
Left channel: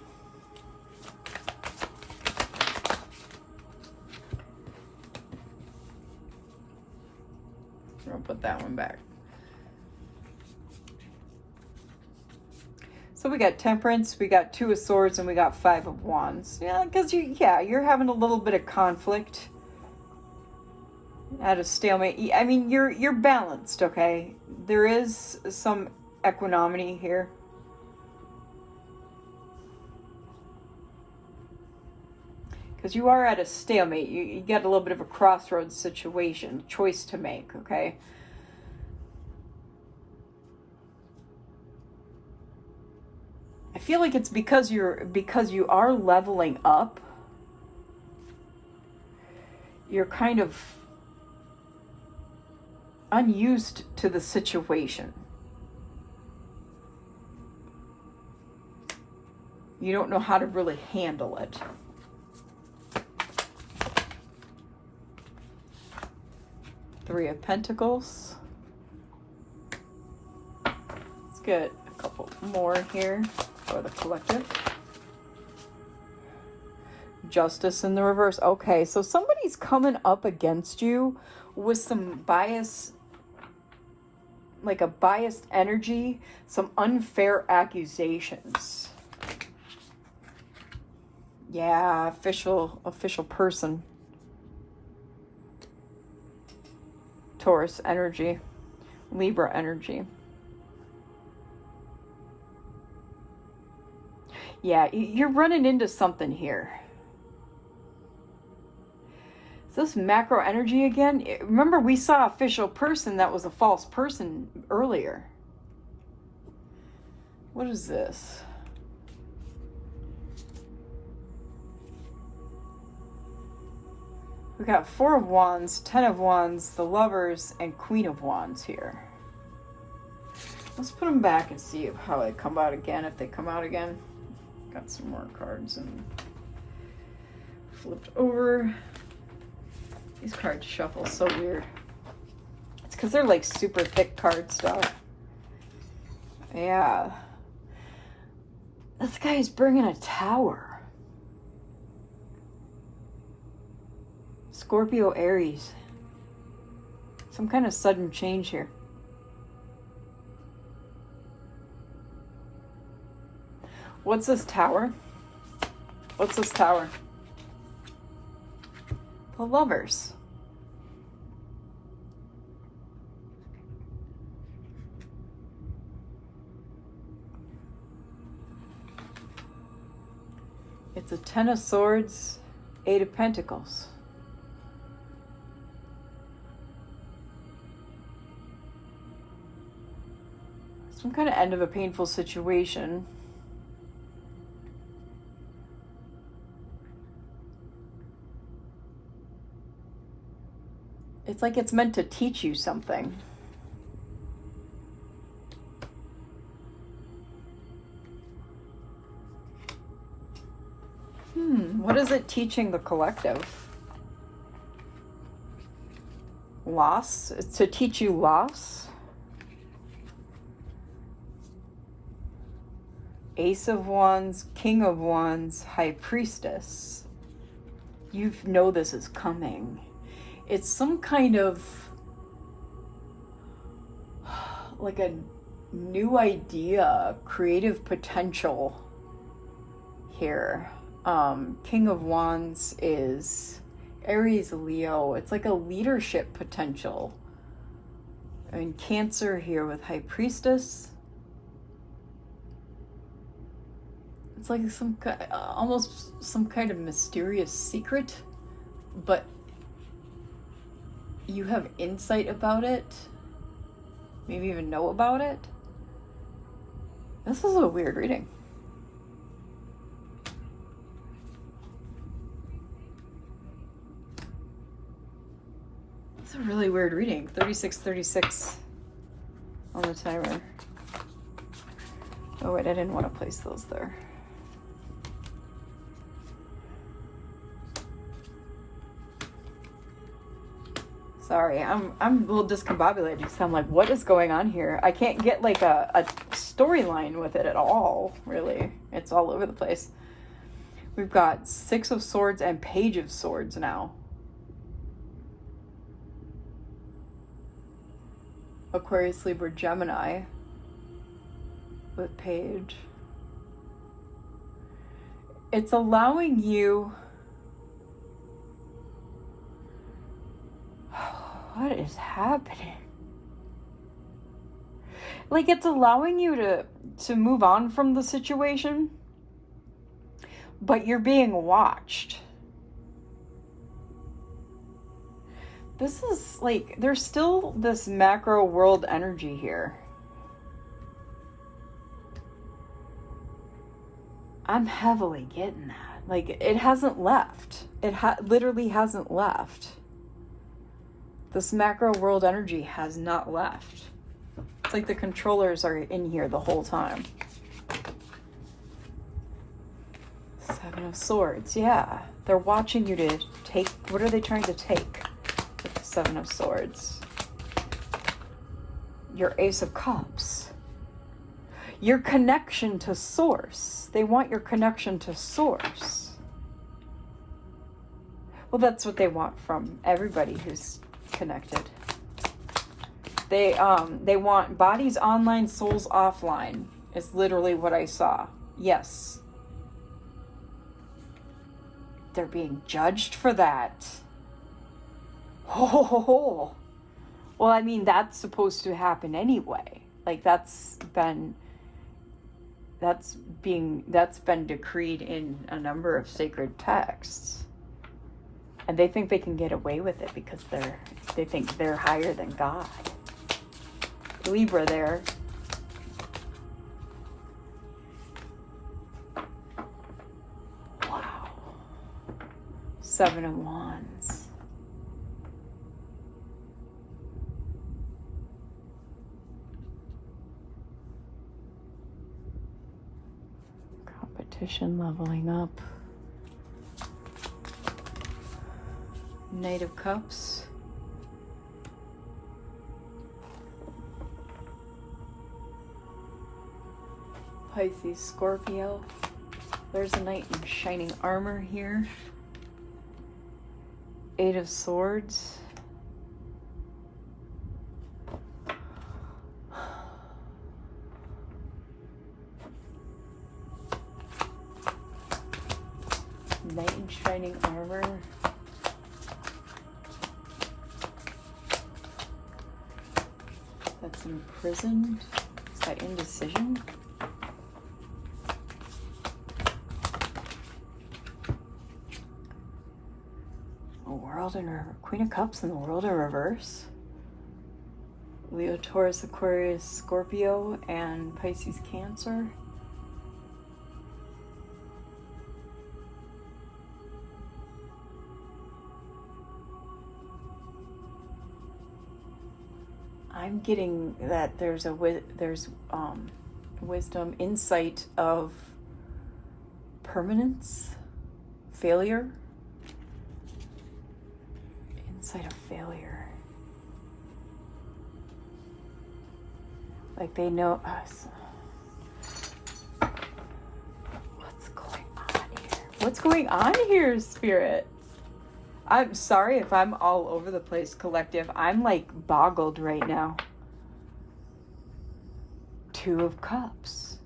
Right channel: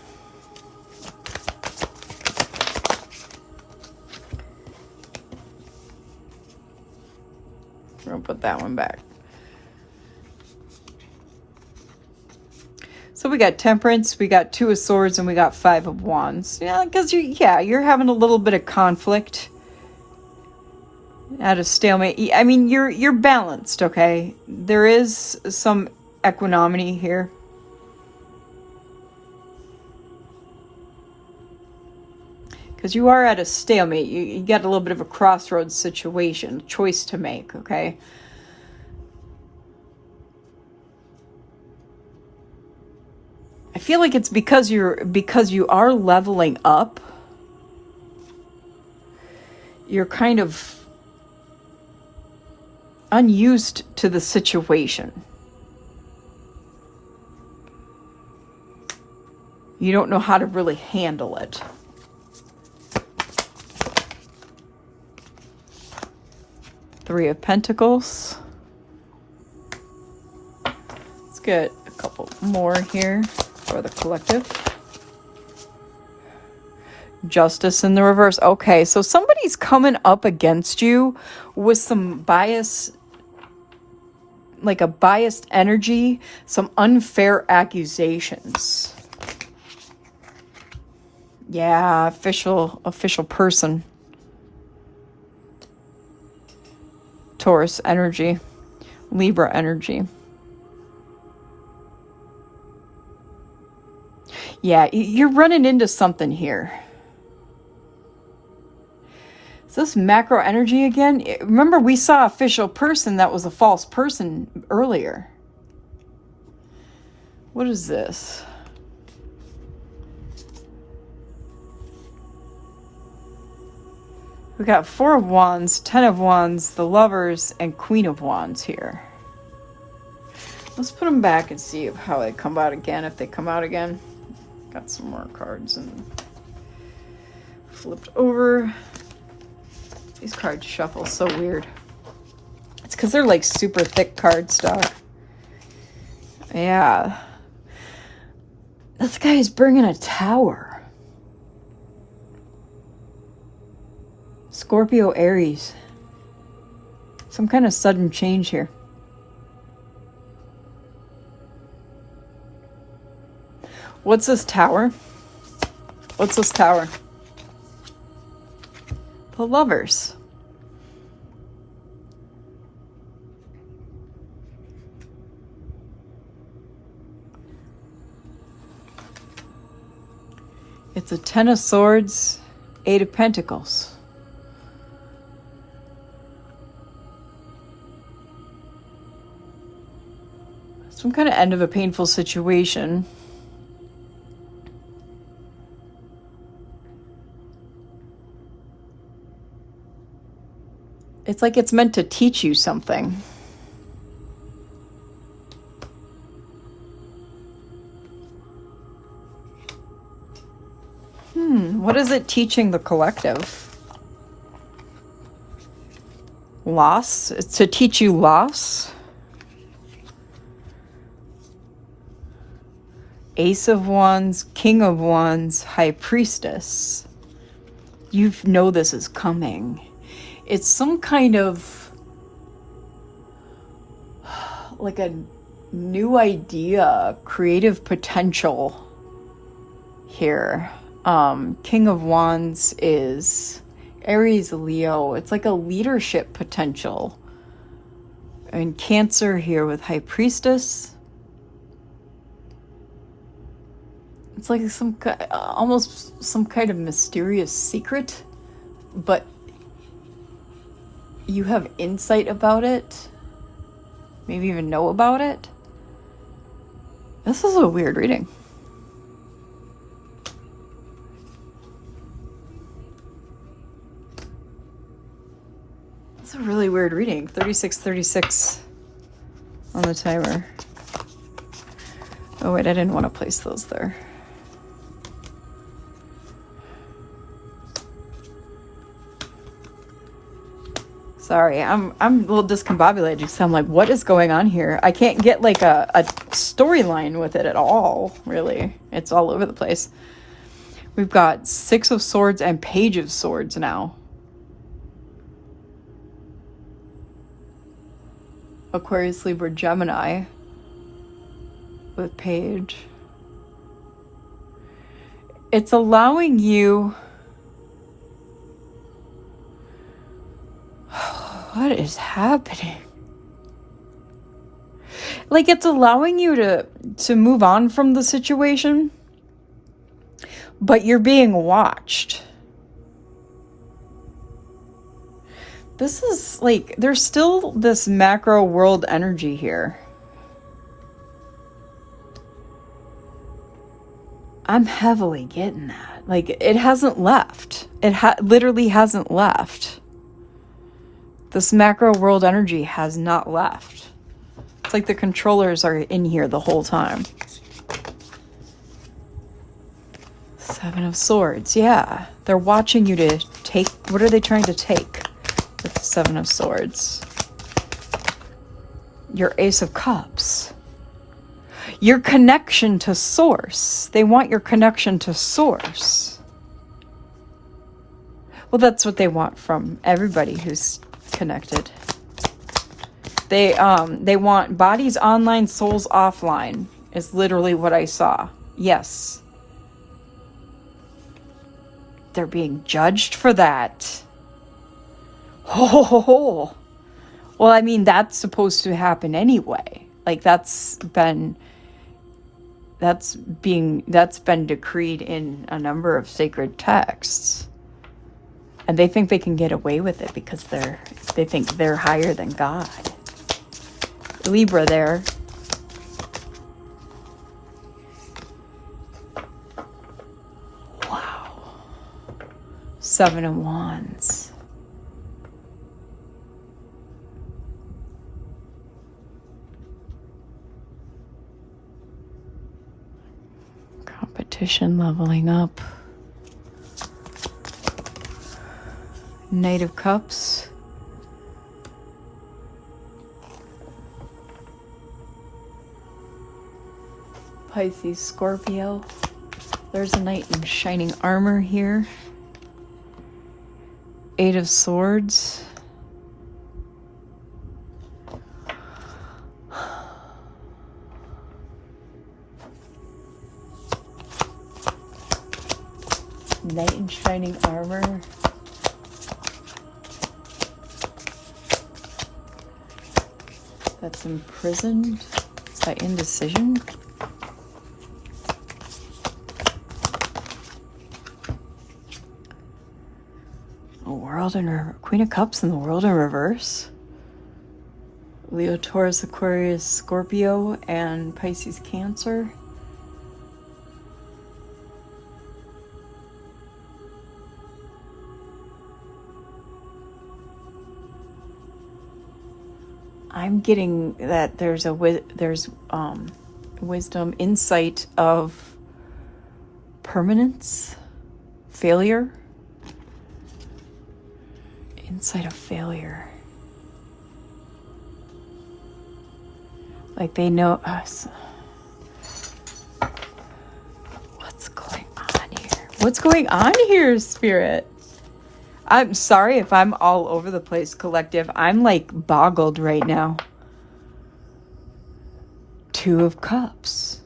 I'm gonna put that one back. So we got Temperance, we got 2 of Swords, and we got 5 of Wands. Yeah, because you're having a little bit of conflict. At a stalemate. I mean, you're balanced, okay? There is some equanimity here. Because you are at a stalemate. You got a little bit of a crossroads situation, choice to make, okay? I feel like it's because you are leveling up. You're kind of unused to the situation. You don't know how to really handle it. Three of Pentacles. Let's get a couple more here for the collective. Justice in the reverse. Okay, so somebody's coming up against you with some bias, like a biased energy, some unfair accusations. Yeah, official person. Taurus energy, Libra energy. Yeah, you're running into something here. Is this macro energy again? Remember, we saw official person that was a false person earlier. What is this? We got 4 of Wands, 10 of Wands, the Lovers, and Queen of Wands here. Let's put them back and see how they come out again, if they come out again. Got some more cards and flipped over. These cards shuffle so weird. It's because they're like super thick cardstock. Yeah. This guy is bringing a tower. Scorpio, Aries. Some kind of sudden change here. What's this tower? What's this tower? The Lovers. It's a Ten of Swords, Eight of Pentacles. Some kind of end of a painful situation. It's like it's meant to teach you something. What is it teaching the collective? Loss? It's to teach you loss? Ace of Wands, King of Wands, High Priestess. You know this is coming. It's some kind of like a new idea, creative potential here. King of Wands is Aries, Leo. It's like a leadership potential. And Cancer here with High Priestess. It's like almost some kind of mysterious secret, but you have insight about it, maybe even know about it. This is a weird reading. It's a really weird reading. 3636 on the timer. Oh wait, I didn't want to place those there. Sorry, I'm a little discombobulated, so I'm like, what is going on here? I can't get like a storyline with it at all, really. It's all over the place. We've got Six of Swords and Page of Swords now. Aquarius, Libra, Gemini with Page. It's allowing you... What is happening? Like, it's allowing you to move on from the situation, but you're being watched. This is like, there's still this macro world energy here. I'm heavily getting that. Like, it hasn't left. It literally hasn't left. This macro world energy has not left. It's like the controllers are in here the whole time. Seven of Swords, yeah. They're watching you to take, what are they trying to take with the Seven of Swords? Your Ace of Cups. Your connection to Source. They want your connection to Source. Well, that's what they want from everybody who's connected. They want bodies online, souls offline is literally what I saw. Yes. They're being judged for that. Oh. Well, I mean, that's supposed to happen anyway. Like, that's been decreed in a number of sacred texts. And they think they can get away with it because they think they're higher than God. Libra there. Wow. Seven of Wands. Competition leveling up. Knight of Cups. Pisces, Scorpio. There's a knight in shining armor here. Eight of Swords. Knight in shining armor. That's imprisoned by indecision. Queen of Cups in the world in reverse. Leo, Taurus, Aquarius, Scorpio, and Pisces, Cancer. I'm getting that there's wisdom, insight of permanence, failure. Insight of failure. Like they know us. What's going on here? What's going on here, Spirit? I'm sorry if I'm all over the place, collective. I'm like boggled right now. Two of Cups.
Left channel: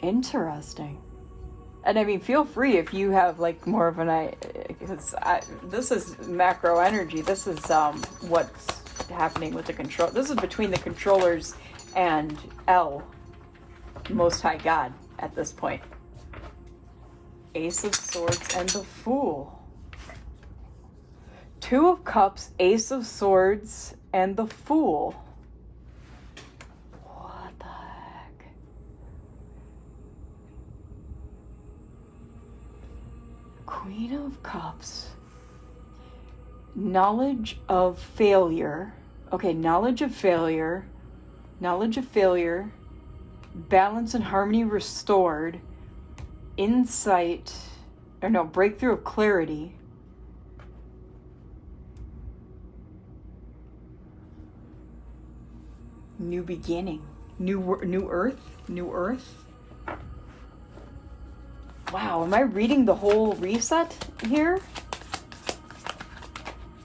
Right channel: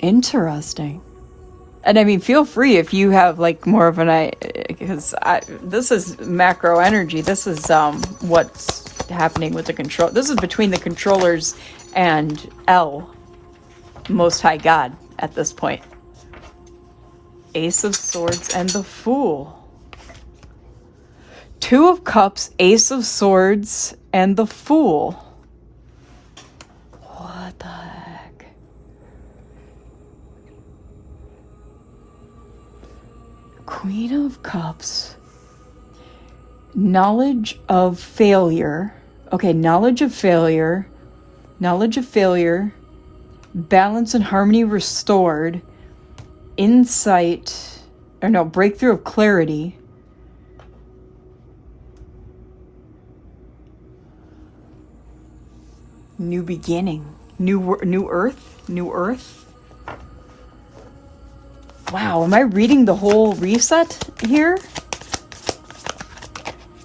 Interesting. And I mean, feel free if you have like more of an idea, because this is macro energy. This is what's happening with the control. This is between the controllers and El, Most High God at this point. Ace of Swords and the Fool. Two of Cups, Ace of Swords, and the Fool. What the heck? Queen of Cups. Knowledge of failure. Okay, knowledge of failure. Knowledge of failure. Balance and harmony restored. Insight. Or no, breakthrough of clarity. New beginning. New earth. Wow, am I reading the whole reset here?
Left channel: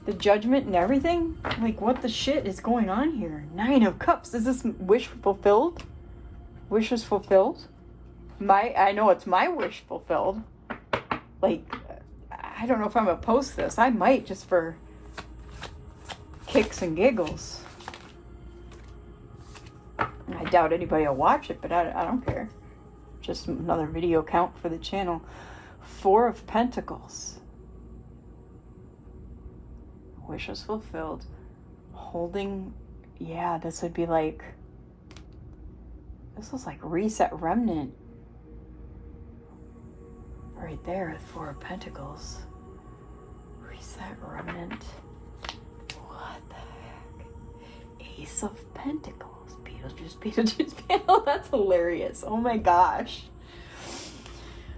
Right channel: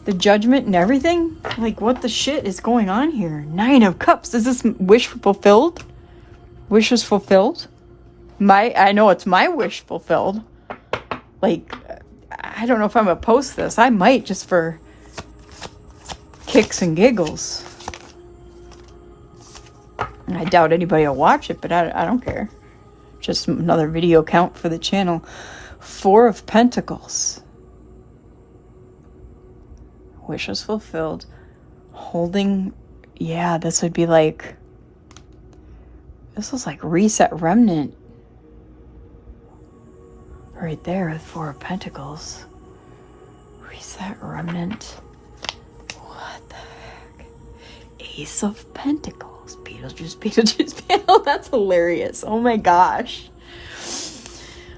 The judgment and everything? Like, what the shit is going on here? Nine of Cups. Is this wish fulfilled? Wishes fulfilled? I know it's my wish fulfilled. Like, I don't know if I'm gonna post this. I might, just for kicks and giggles. I doubt anybody will watch it, but I don't care. Just another video count for the channel. Four of Pentacles. Wishes fulfilled. Holding, yeah, this would be like, this was like reset remnant. Right there with Four of Pentacles. Reset remnant. What the heck? Ace of Pentacles. Beetlejuice. That's hilarious. Oh my gosh.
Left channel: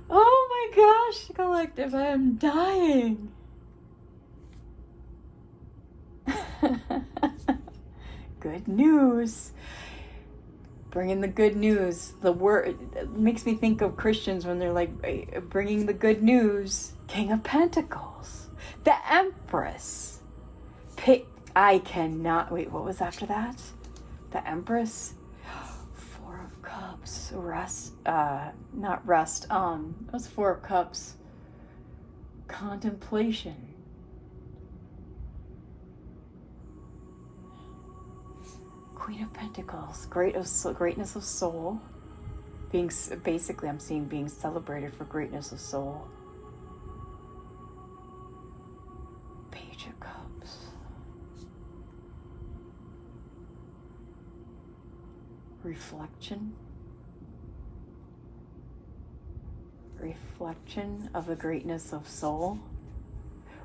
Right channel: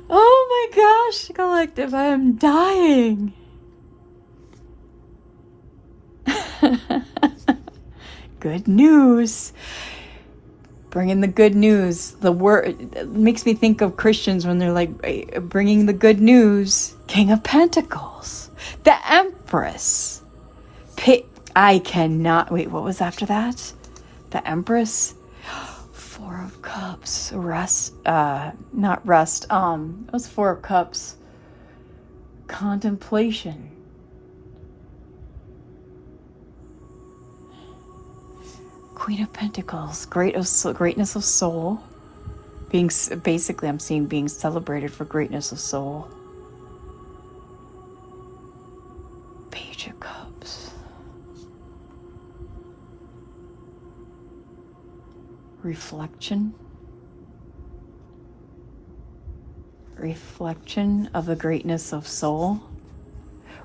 Oh my gosh, collective. I am dying. Good news. Bringing the good news. The word it makes me think of Christians when they're like bringing the good news. King of Pentacles. The Empress. I cannot wait. What was after that? The Empress. Four of Cups. Rest. Not rest. It was Four of Cups. Contemplation. Queen of Pentacles. Greatness of soul. Basically, I'm seeing being celebrated for greatness of soul. Page of Cups. Reflection of the greatness of soul.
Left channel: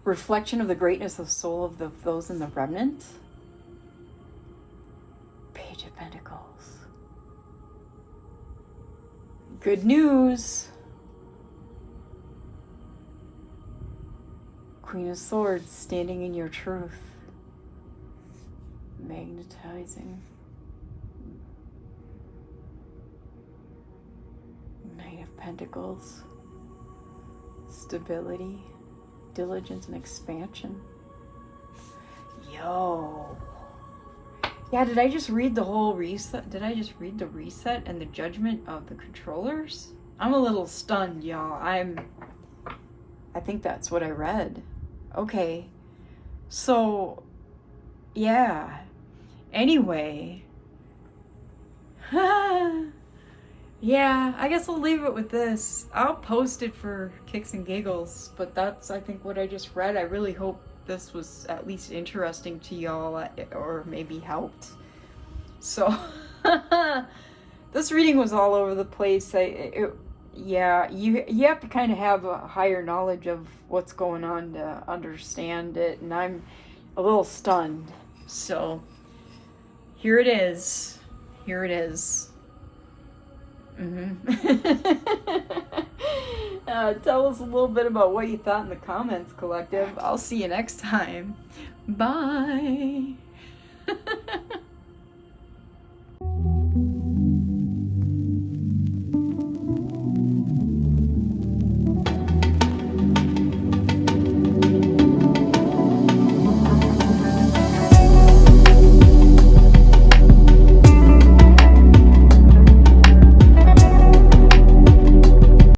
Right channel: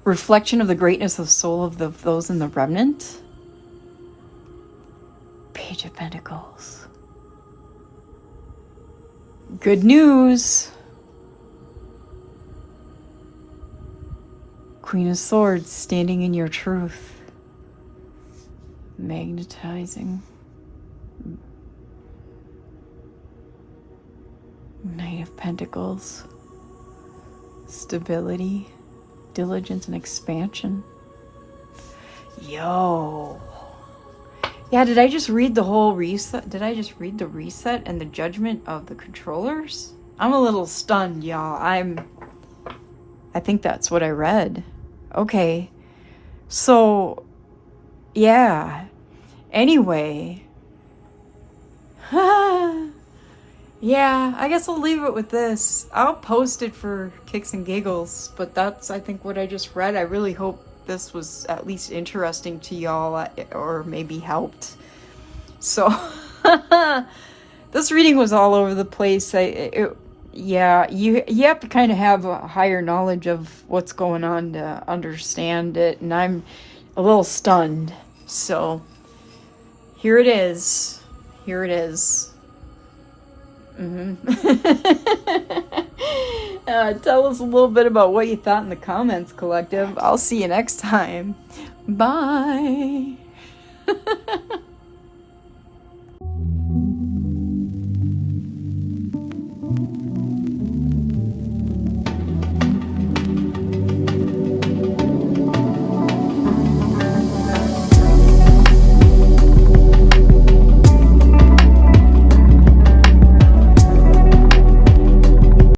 Reflection of the greatness of soul of those in the remnant. Page of Pentacles. Good news. Queen of Swords, standing in your truth. Magnetizing. Knight of Pentacles. Stability, diligence, and expansion. Yo. Yeah, did I just read the whole reset? Did I just read the reset and the judgment of the controllers? I'm a little stunned, y'all. I think that's what I read. Okay. So, yeah. Anyway. Yeah, I guess I'll leave it with this. I'll post it for kicks and giggles, but that's, I think, what I just read. I really hope this was at least interesting to y'all, or maybe helped. So, this reading was all over the place. Yeah, you have to kind of have a higher knowledge of what's going on to understand it, and I'm a little stunned. So, here it is. Here it is. Tell us a little bit about what you thought in the comments, collective. I'll see you next time. Bye.